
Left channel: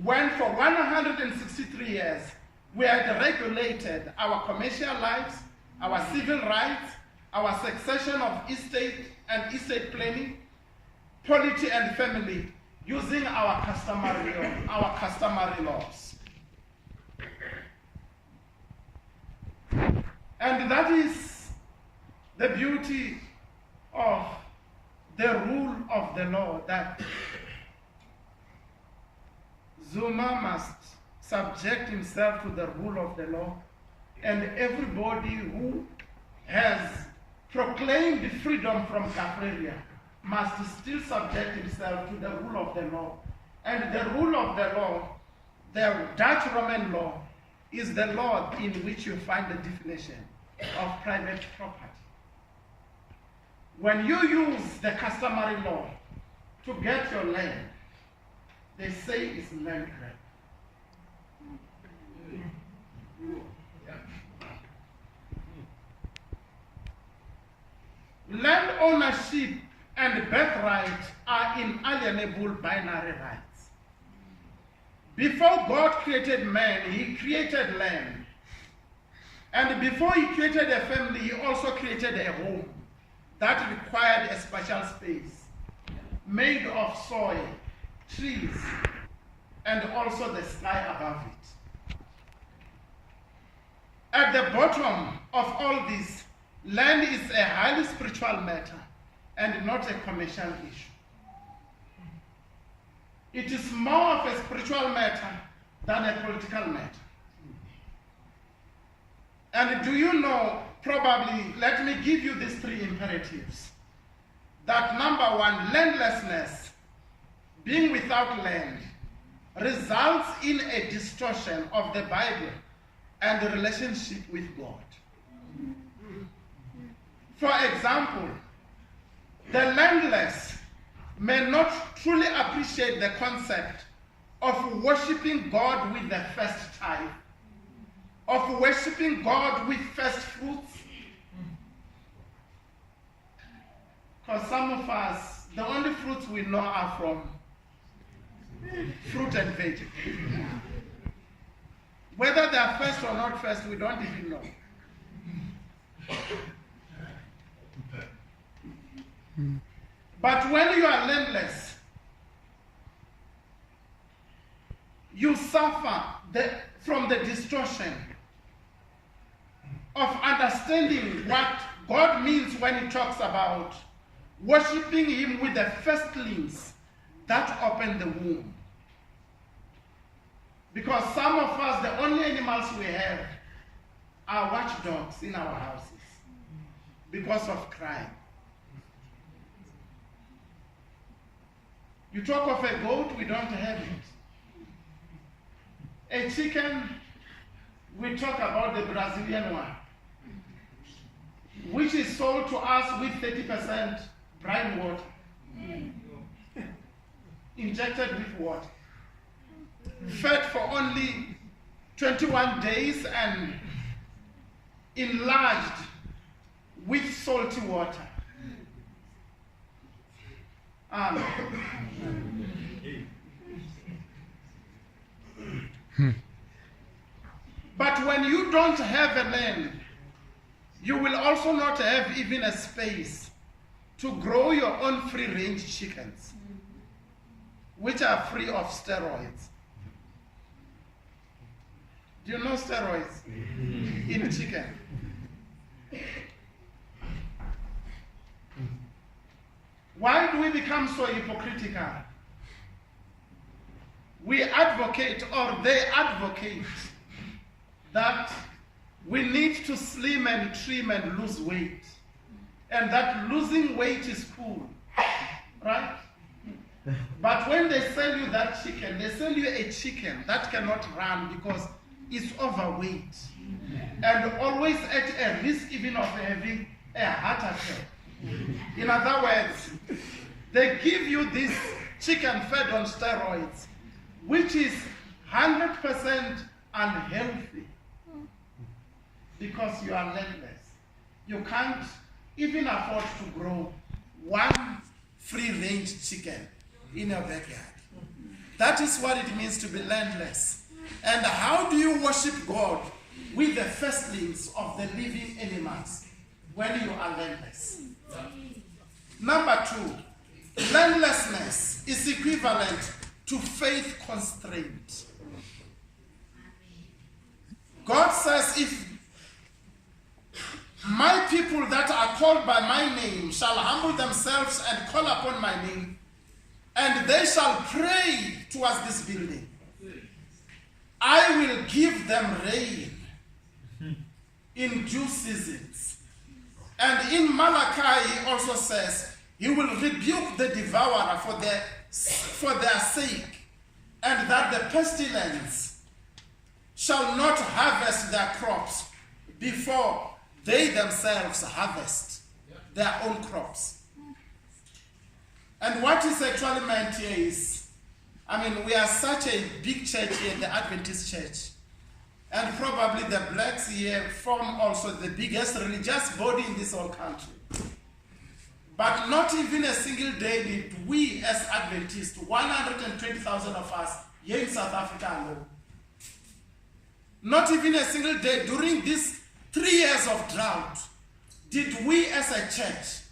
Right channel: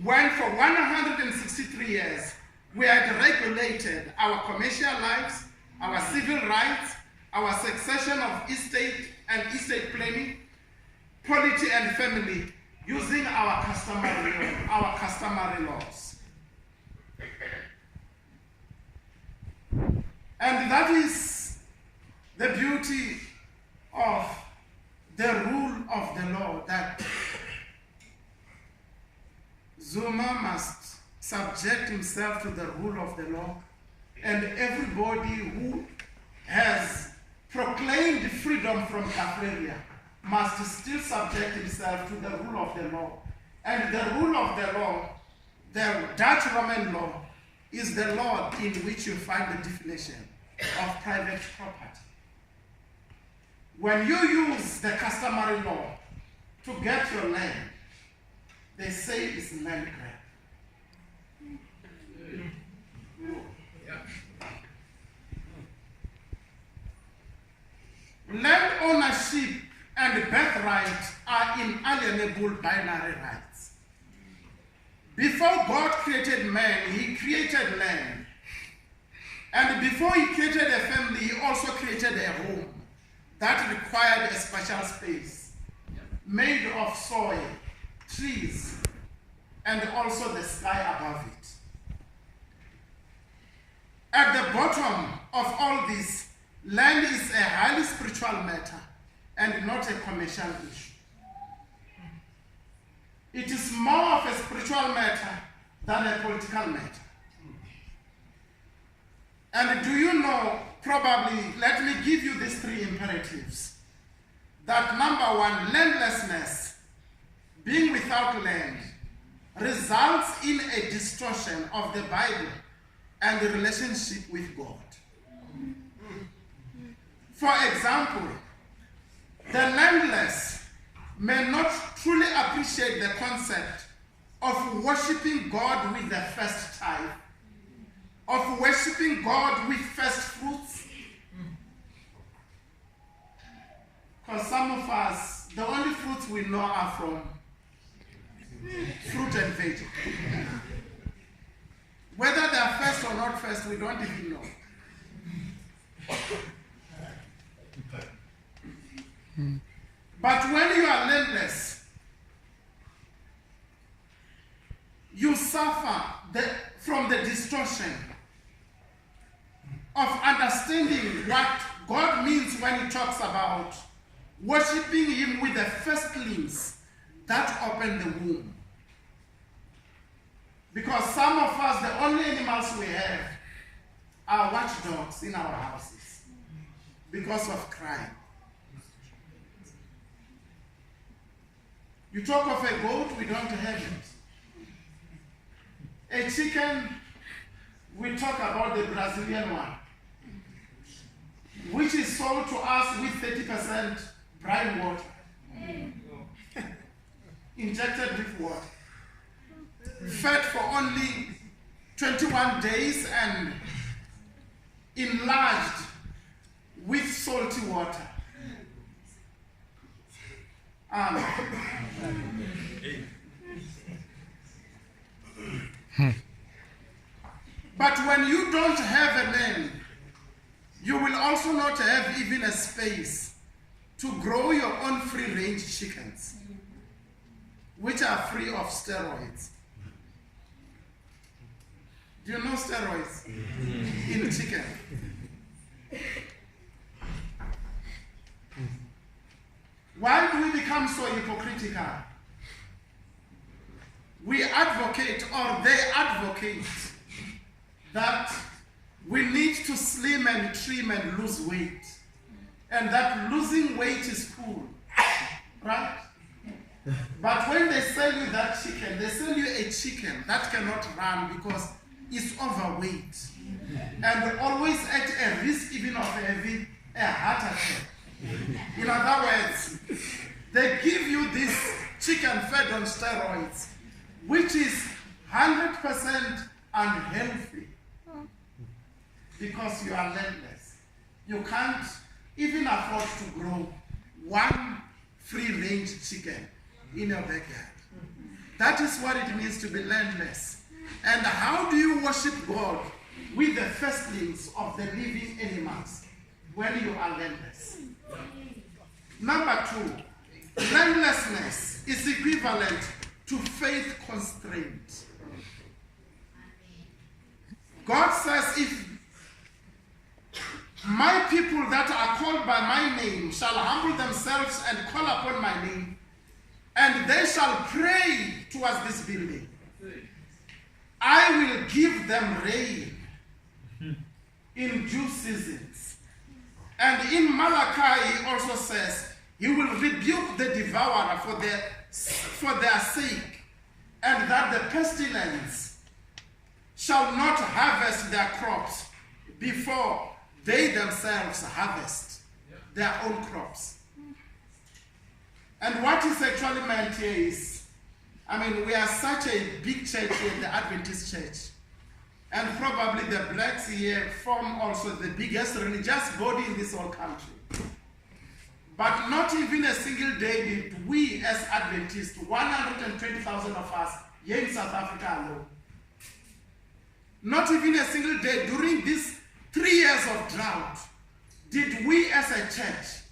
when for 163 years we had regulated our commercial lives, our civil rights, our succession of estate and estate planning, polity and family, using our customary laws. And that is the beauty of the rule of the law, that Zuma must subject himself to the rule of the law, and everybody who has proclaimed freedom from Kaffraria must still subject himself to the rule of the law. And the rule of the law, the Dutch Roman law, is the law in which you find the definition of private property. When you use the customary law to get your land, they say it's land grab. Land ownership and birthright are inalienable binary rights. Before God created man, he created land. And before he created a family, he also created a home that required a special space made of soil, trees, and also the sky above it. At the bottom of all this, land is a highly spiritual matter and not a commercial issue. It is more of a spiritual matter than a political matter. And do you know, probably, let me give you these three imperatives. That number one, landlessness, being without land, results in a distortion of the Bible and the relationship with God. For example, the landless may not truly appreciate the concept of worshiping God with the first tithe, of worshiping God with first fruits. Because some of us, the only fruits we know are from fruit and veg. Whether they are first or not first, we don't even know. But when you are landless, you suffer from the distortion of understanding what God means when he talks about worshiping him with the firstlings that open the womb. Because some of us, the only animals we have are watchdogs in our houses because of crime. You talk of a goat, we don't have it. A chicken, we talk about the Brazilian one, which is sold to us with 30% brine water, injected with water, fed for only 21 days and enlarged with salty water. But when you don't have a land, you will also not have even a space to grow your own free-range chickens, which are free of steroids. Do you know steroids in chicken? Why do we become so hypocritical? We advocate, or they advocate, that we need to slim and trim and lose weight. and that losing weight is cool, right? But when they sell you that chicken, they sell you a chicken that cannot run because it's overweight and always at a risk even of having a heart attack. In other words, they give you this chicken fed on steroids, which is 100% unhealthy because you are landless. You can't even afford to grow one free-range chicken in your backyard. That is what it means to be landless. And how do you worship God with the firstlings of the living animals when you are landless? Number 2, landlessness is equivalent to faith constraint. God says, if my people that are called by my name shall humble themselves and call upon my name, and they shall pray towards this building, I will give them rain in due seasons. And in Malachi he also says, he will rebuke the devourer for their sake, and that the pestilence shall not harvest their crops before they themselves harvest their own crops. And what is actually meant here is, we are such a big church here, the Adventist church. And probably the blacks here form also the biggest religious body in this whole country. But not even a single day did we as Adventists, 120,000 of us here in South Africa alone, not even a single day during these 3 years of drought did we as a church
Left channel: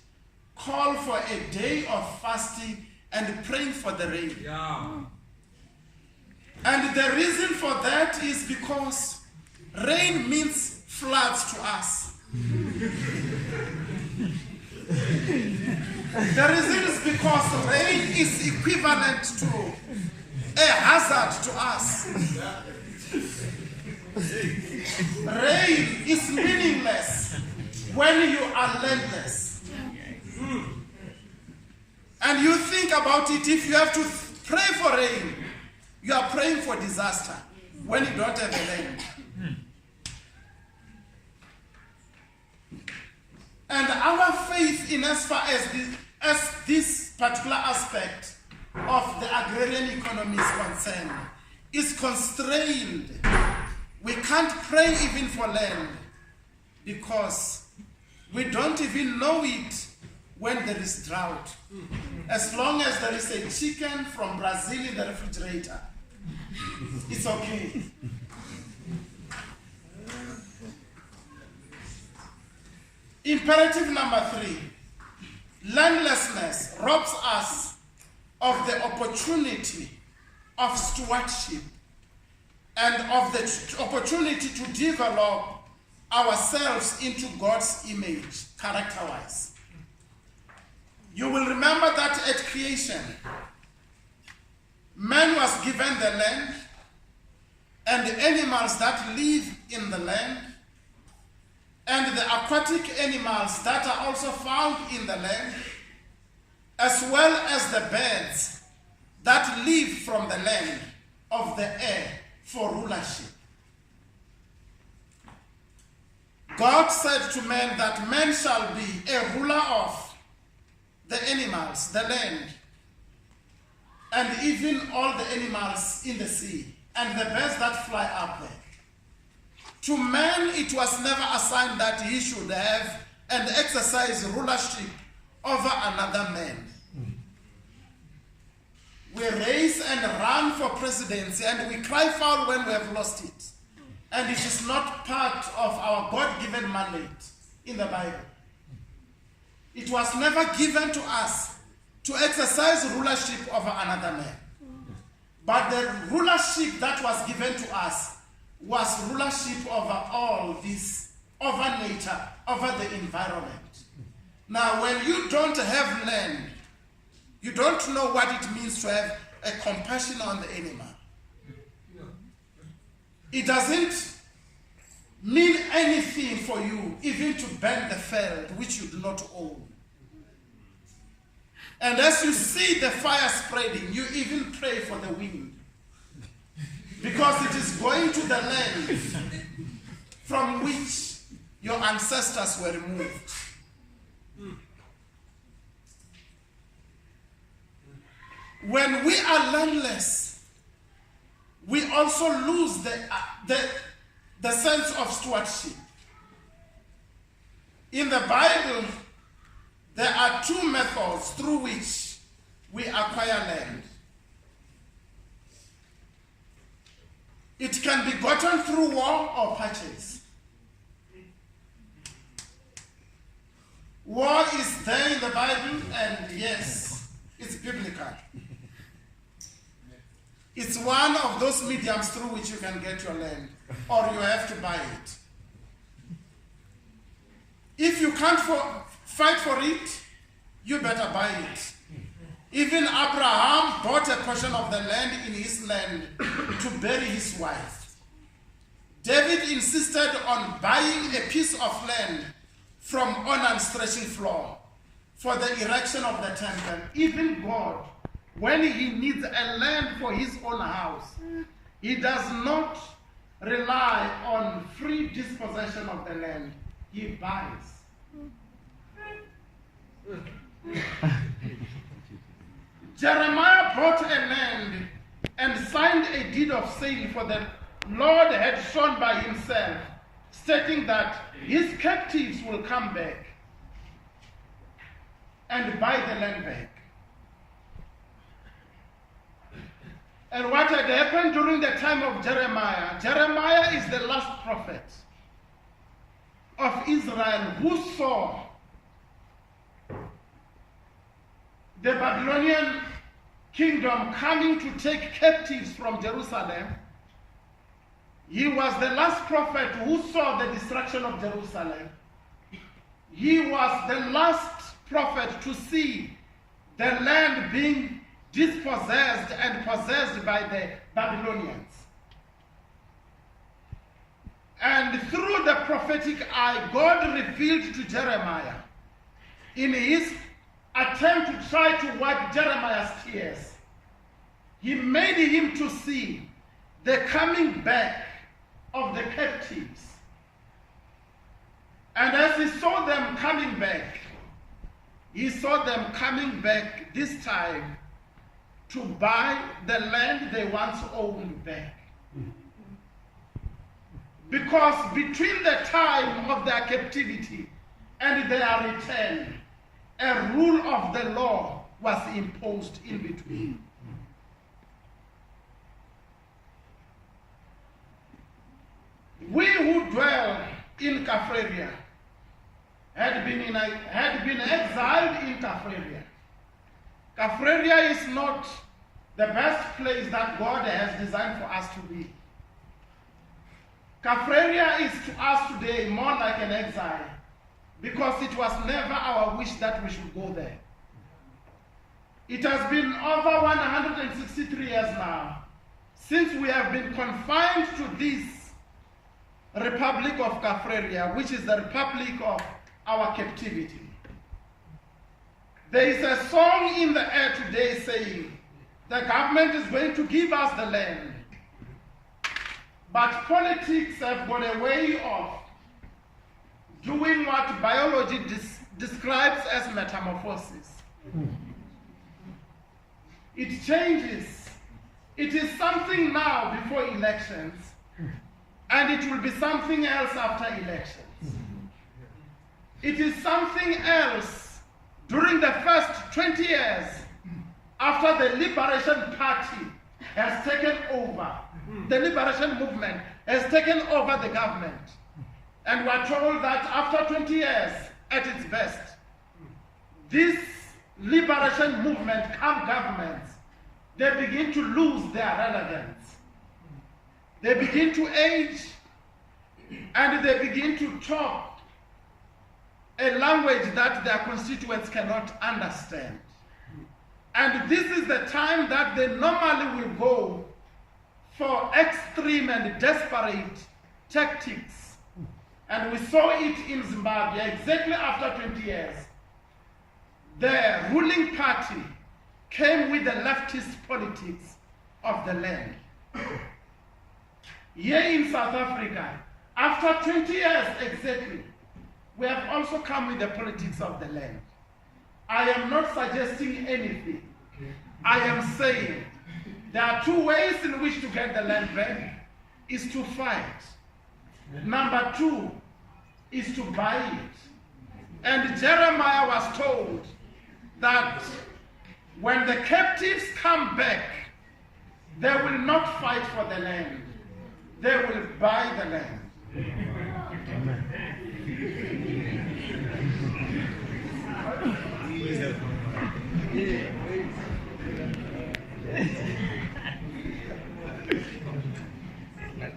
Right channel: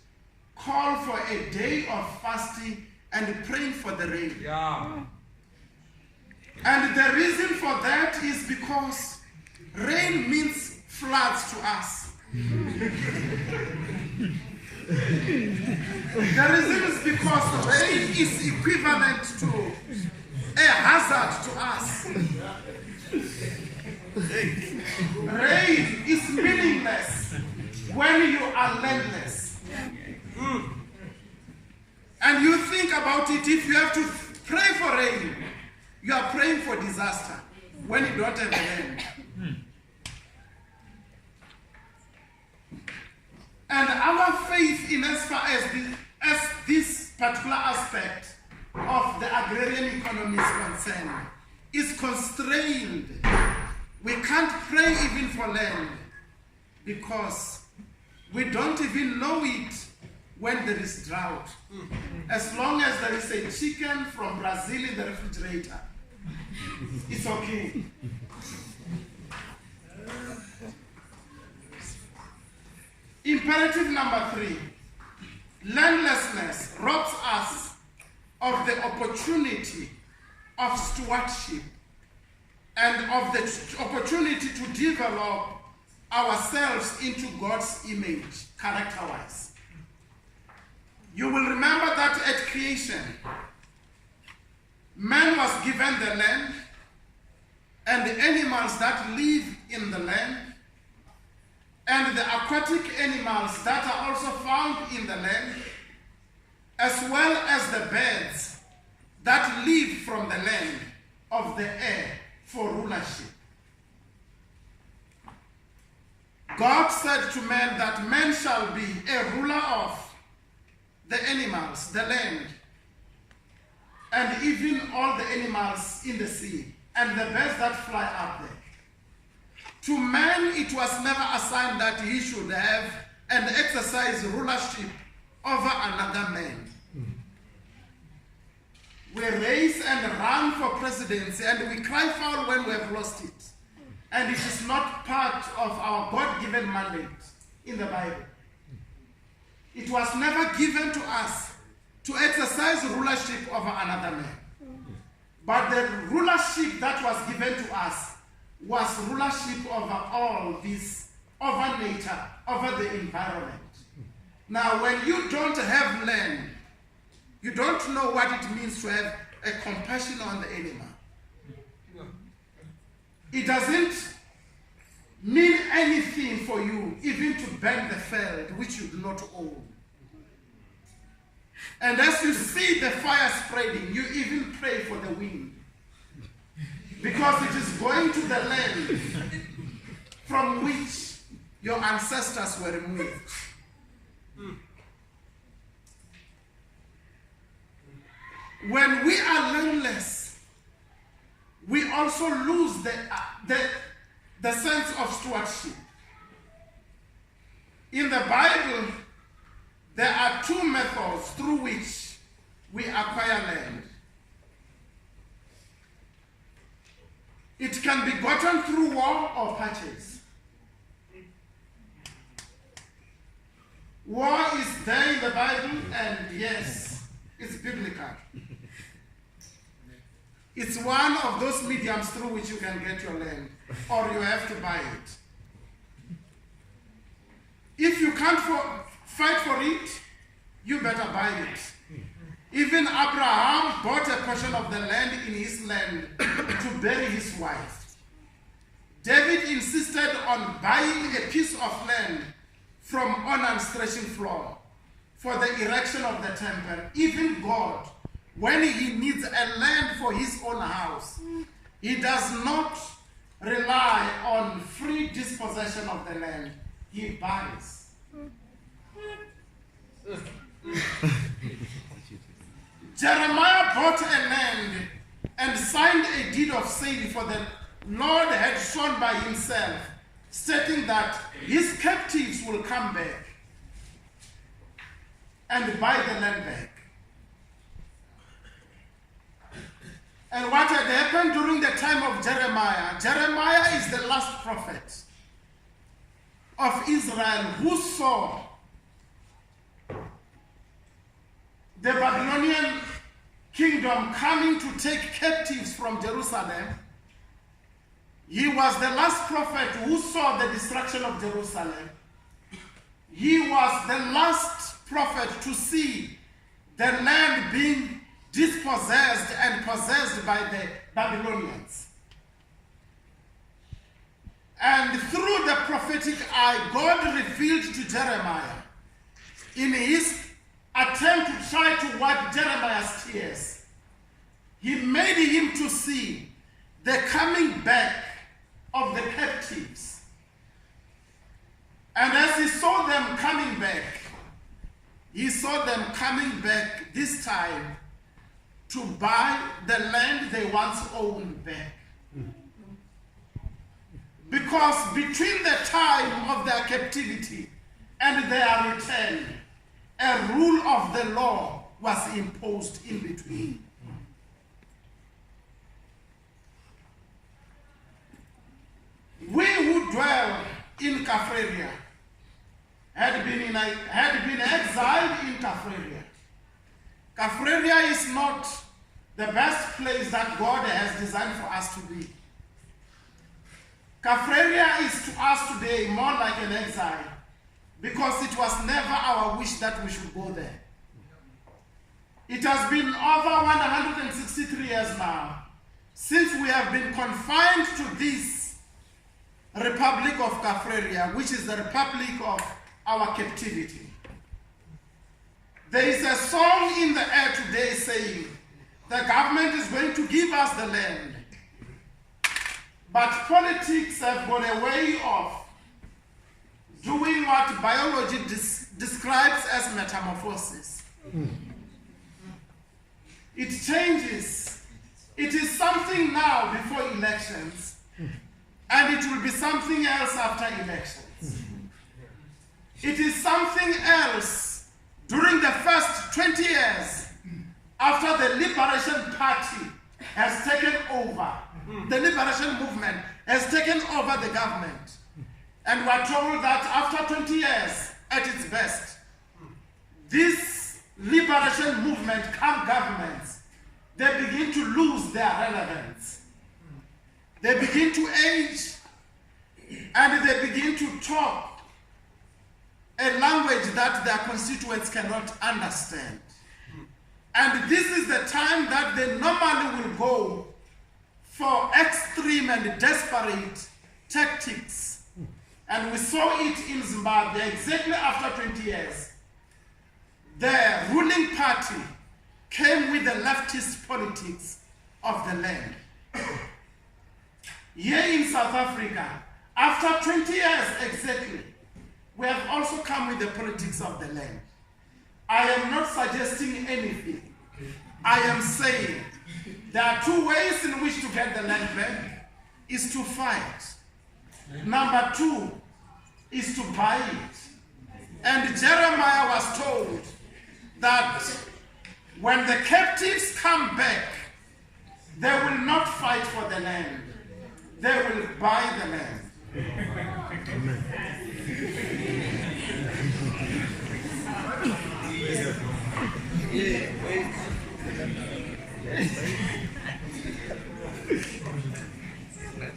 call for a day of fasting and praying for the rain. Yeah. And the reason for that is because rain means floods to us. The reason is because rain is equivalent to a hazard to us. Rain is meaningless when you are landless. And you think about it, if you have to pray for rain, you are praying for disaster when you don't have land. And our faith in as far as this particular aspect of the agrarian economy is concerned is constrained. We can't pray even for land because we don't even know it when there is drought. As long as there is a chicken from Brazil in the refrigerator, it's okay. Imperative number 3, landlessness robs us of the opportunity of stewardship and of the opportunity to develop ourselves into God's image, character-wise. You will remember that at creation, man was given the land and the animals that live in the land and the aquatic animals that are also found in the land, as well as the birds that live from the land of the air for rulership. God said to man that man shall be a ruler of the animals, the land, and even all the animals in the sea, and the birds that fly up there. To man, it was never assigned that he should have and exercise rulership over another man. We race and run for presidency, and we cry foul when we have lost it. And it is not part of our God-given mandate in the Bible. It was never given to us to exercise rulership over another man. But the rulership that was given to us was rulership over all this, over nature, over the environment. Now, when you don't have land, you don't know what it means to have a compassion on the animal. It doesn't mean anything for you, even to burn the field which you do not own. And as you see the fire spreading, you even pray for the wind, because it is going to the land from which your ancestors were removed. When we are landless, we also lose the sense of stewardship. In the Bible, there are two methods through which we acquire land. It can be gotten through war or purchase. War is there in the Bible, and yes, it's biblical. It's one of those mediums through which you can get your land, or you have to buy it. If you can't fight for it, you better buy it. Even Abraham bought a portion of the land in his land to bury his wife. David insisted on buying a piece of land from Onan's threshing floor for the erection of the temple. Even God, when he needs a land for his own house, he does not rely on free dispossession of the land. He buys. Jeremiah bought a land and signed a deed of sale, for the Lord had sworn by himself, stating that his captives will come back and buy the land back. And what had happened during the time of Jeremiah? Jeremiah is the last prophet of Israel who saw the Babylonian kingdom coming to take captives from Jerusalem. He was the last prophet who saw the destruction of Jerusalem. He was the last prophet to see the land being dispossessed and possessed by the Babylonians. And through the prophetic eye, God revealed to Jeremiah, in his attempt to try to wipe Jeremiah's tears, he made him to see the coming back of the captives. And as he saw them coming back, he saw them coming back this time to buy the land they once owned back. Because between the time of their captivity and their return, a rule of the law was imposed in between. We who dwell in Caphreria had been exiled in Caphreria. Caphreria is not the best place that God has designed for us to be. Caphreria is to us today more like an exile, because it was never our wish that we should go there. It has been over 163 years now since we have been confined to this Republic of Caphreria, which is the republic of our captivity. There is a song in the air today saying, the government is going to give us the land. But politics have got a way of doing what biology describes as metamorphosis. It changes. It is something now before elections, and it will be something else after elections. It is something else during the first 20 years after the Liberation Party has taken over. The Liberation Movement has taken over the government. And we're told that after 20 years, at its best, this liberation movement, come governments, they begin to lose their relevance. They begin to age, and they begin to talk a language that their constituents cannot understand. And this is the time that they normally will go for extreme and desperate tactics And we saw it in Zimbabwe exactly after 20 years. The ruling party came with the leftist politics of the land. Here in South Africa, after 20 years exactly, we have also come with the politics of the land. I am not suggesting anything. I am saying there are two ways in which to get the land back, is to fight. Number two is to buy it. And Jeremiah was told that when the captives come back, they will not fight for the land. They will buy the land. Amen.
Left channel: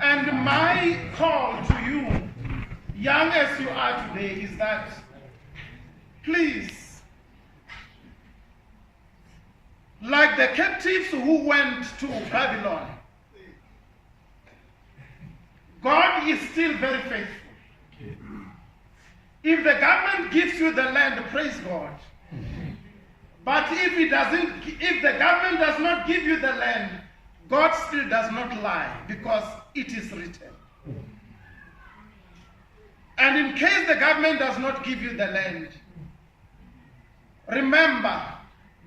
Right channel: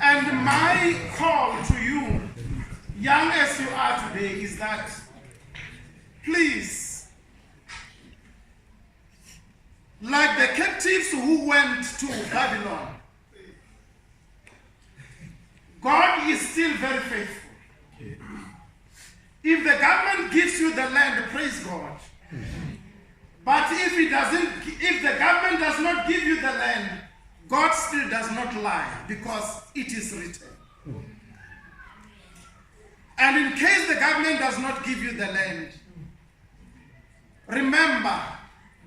And my call to you, young as you are today, is that please, like the captives who went to Babylon, God is still very faithful. If the government gives you the land, praise God. But if the government does not give you the land, God still does not lie, because it is written. And in case the government does not give you the land, remember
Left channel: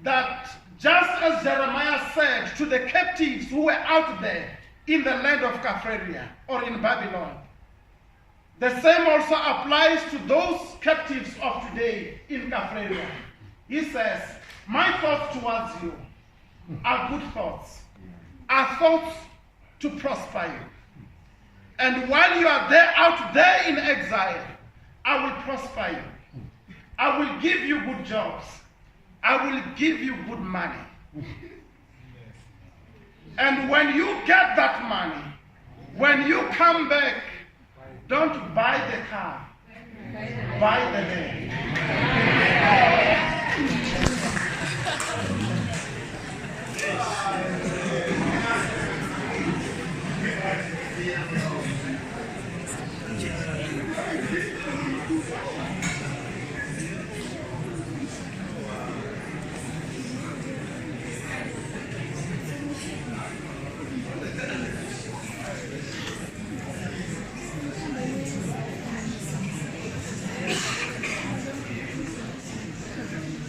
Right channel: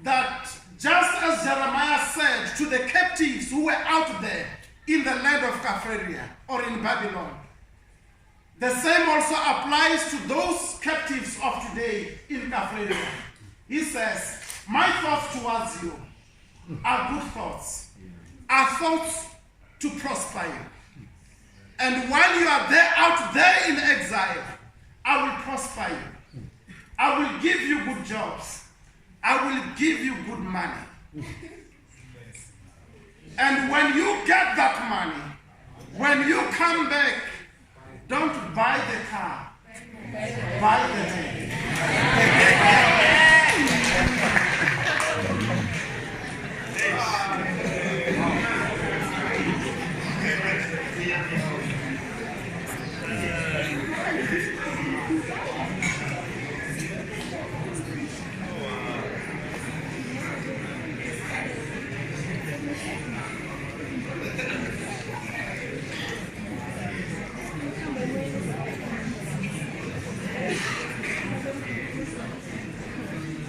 that just as Jeremiah said to the captives who were out there in the land of Capharia or in Babylon, the same also applies to those captives of today in Capharia. He says, my thoughts towards you are good thoughts, are thoughts to prosper you. And while you are there, out there in exile, I will prosper you. I will give you good jobs. I will give you good money. And when you get that money, when you come back, don't buy the car, buy the land.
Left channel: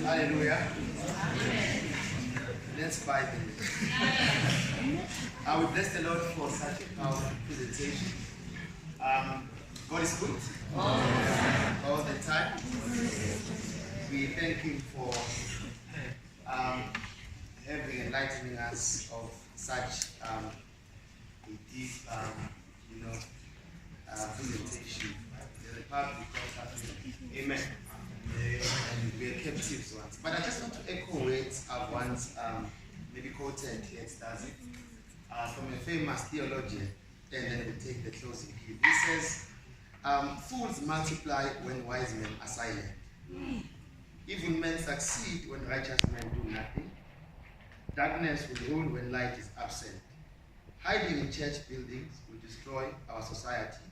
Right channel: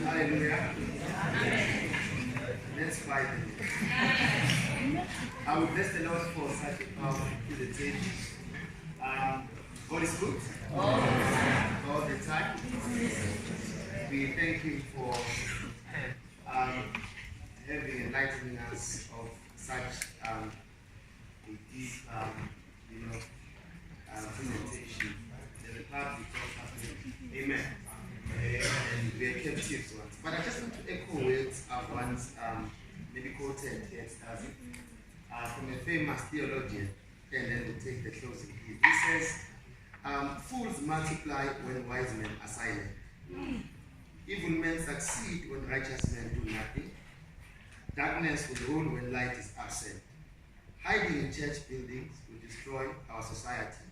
Hallelujah. Let's buy them. I will bless the Lord for such a powerful presentation. God is good all the time. We thank Him for having enlightening us of such a deep, presentation. The Republic of Africa. Amen. And we are captives once. But I just want to echo words I've once maybe quoted here at SDASM from a famous theologian, and then we'll take the closing here. He says, fools multiply when wise men are silent. Evil men succeed when righteous men do nothing. Darkness will rule when light is absent. Hiding in church buildings will destroy our society.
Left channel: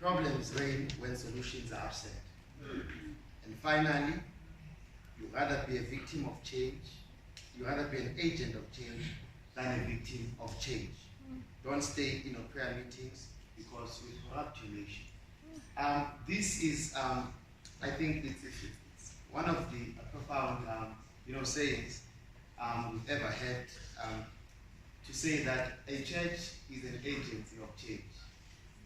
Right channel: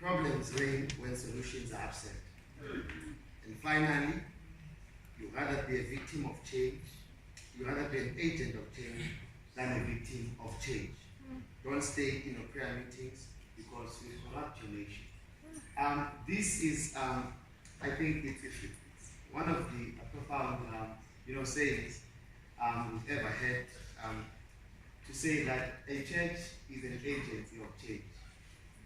Problems reign when solutions are absent. And finally, you'd rather be a victim of change, you'd rather be an agent of change than a victim of change. Don't stay in prayer meetings because you corrupt your nation. This is, I think it's one of the profound, sayings we've ever had, to say that a church is an agency of change.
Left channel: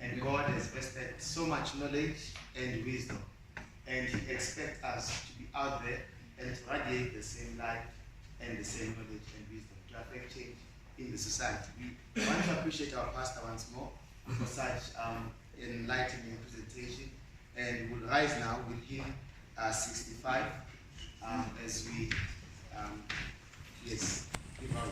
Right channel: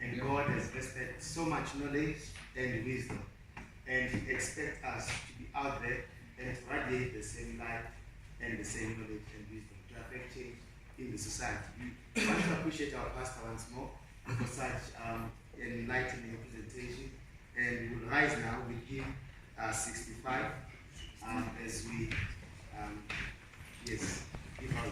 And God has vested so much knowledge and wisdom. And He expects us to be out there and to radiate the same light and the same knowledge and wisdom to affect change in the society. We want to appreciate our pastor once more for such enlightening presentation. And we will rise now with hymn 65 as we give our